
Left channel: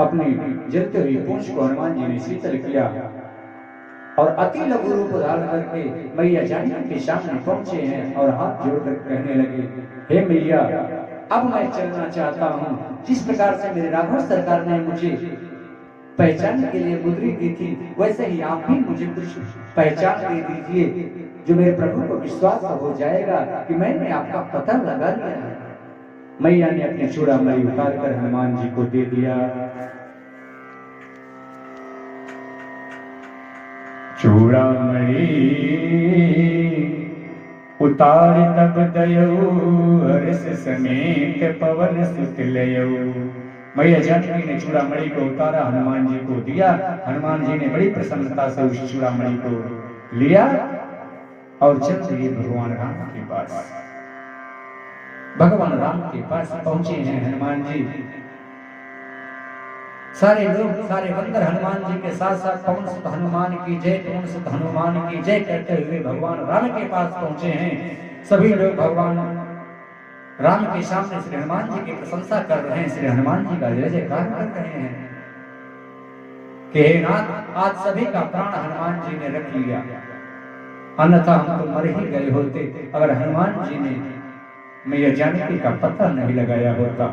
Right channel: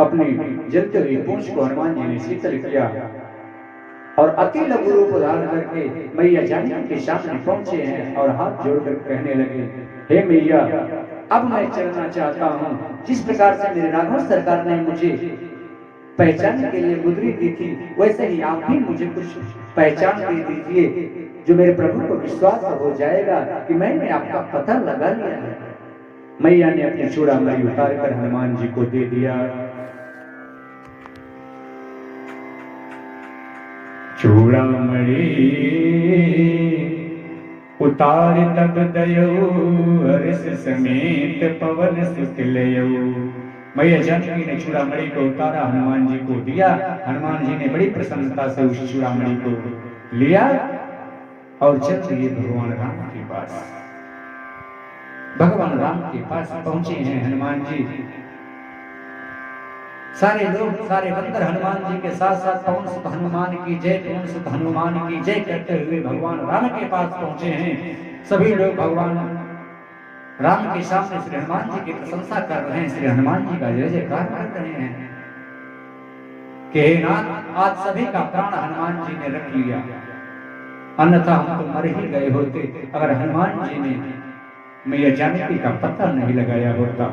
अपनी जलते हुई पूंछ को हनुमान जी ने शीतल किया और अति लघु रूप धारण करके मैया जानकी के सामने पहुंचे हैं और हाथ जोड़कर कहने लगे, हे मैया, अब मैं चलना चाहता हूँ। जिस प्रकार से मेरे राघव सरकार ने मुझे पहचान के लिए मुद्री दी थी, वैसे ही आप भी मुझे कुछ पहचान दे दीजिए, जो मेरे प्रभु को विश्वास हो जाएगा कि मैंने आपका पता लगा लिया है। मैया ने अपनी चूड़ामणि उतार कर हनुमान जी को दे दिया। चूड़ामणि उतार तब दयो, हर्ष समेत पवन सुत लयो। मैया जानकी ने चूड़ामणि को उतारा, हनुमान जी को दिया। हनुमान जी ने बड़ी प्रसन्नता से उस चूड़ामणि को लिया और चल दिए भगवान राम के पास। भगवान राम के पास पहुंचे हैं हनुमान जी। सारे लोग, सारे बंदर हनुमान जी के साथ साथ पवन सुत हनुमान की जय, पवन सुत हनुमान की जय कहते हुए भगवान राम के पास पहुंचे हैं। सभी लोग भगवान राम के सामने श्री हनुमान जी की प्रशंसा कर रहे हैं, श्री हनुमान जी का जय जयकार कर रहे हैं कि हे नाथ, आज सभी का प्राण हनुमान जी ने रख लिया, अन्यथा हम तो मर ही गए होते अगर हनुमान जी ने मैया जानकी का पता नहीं लगाया होता।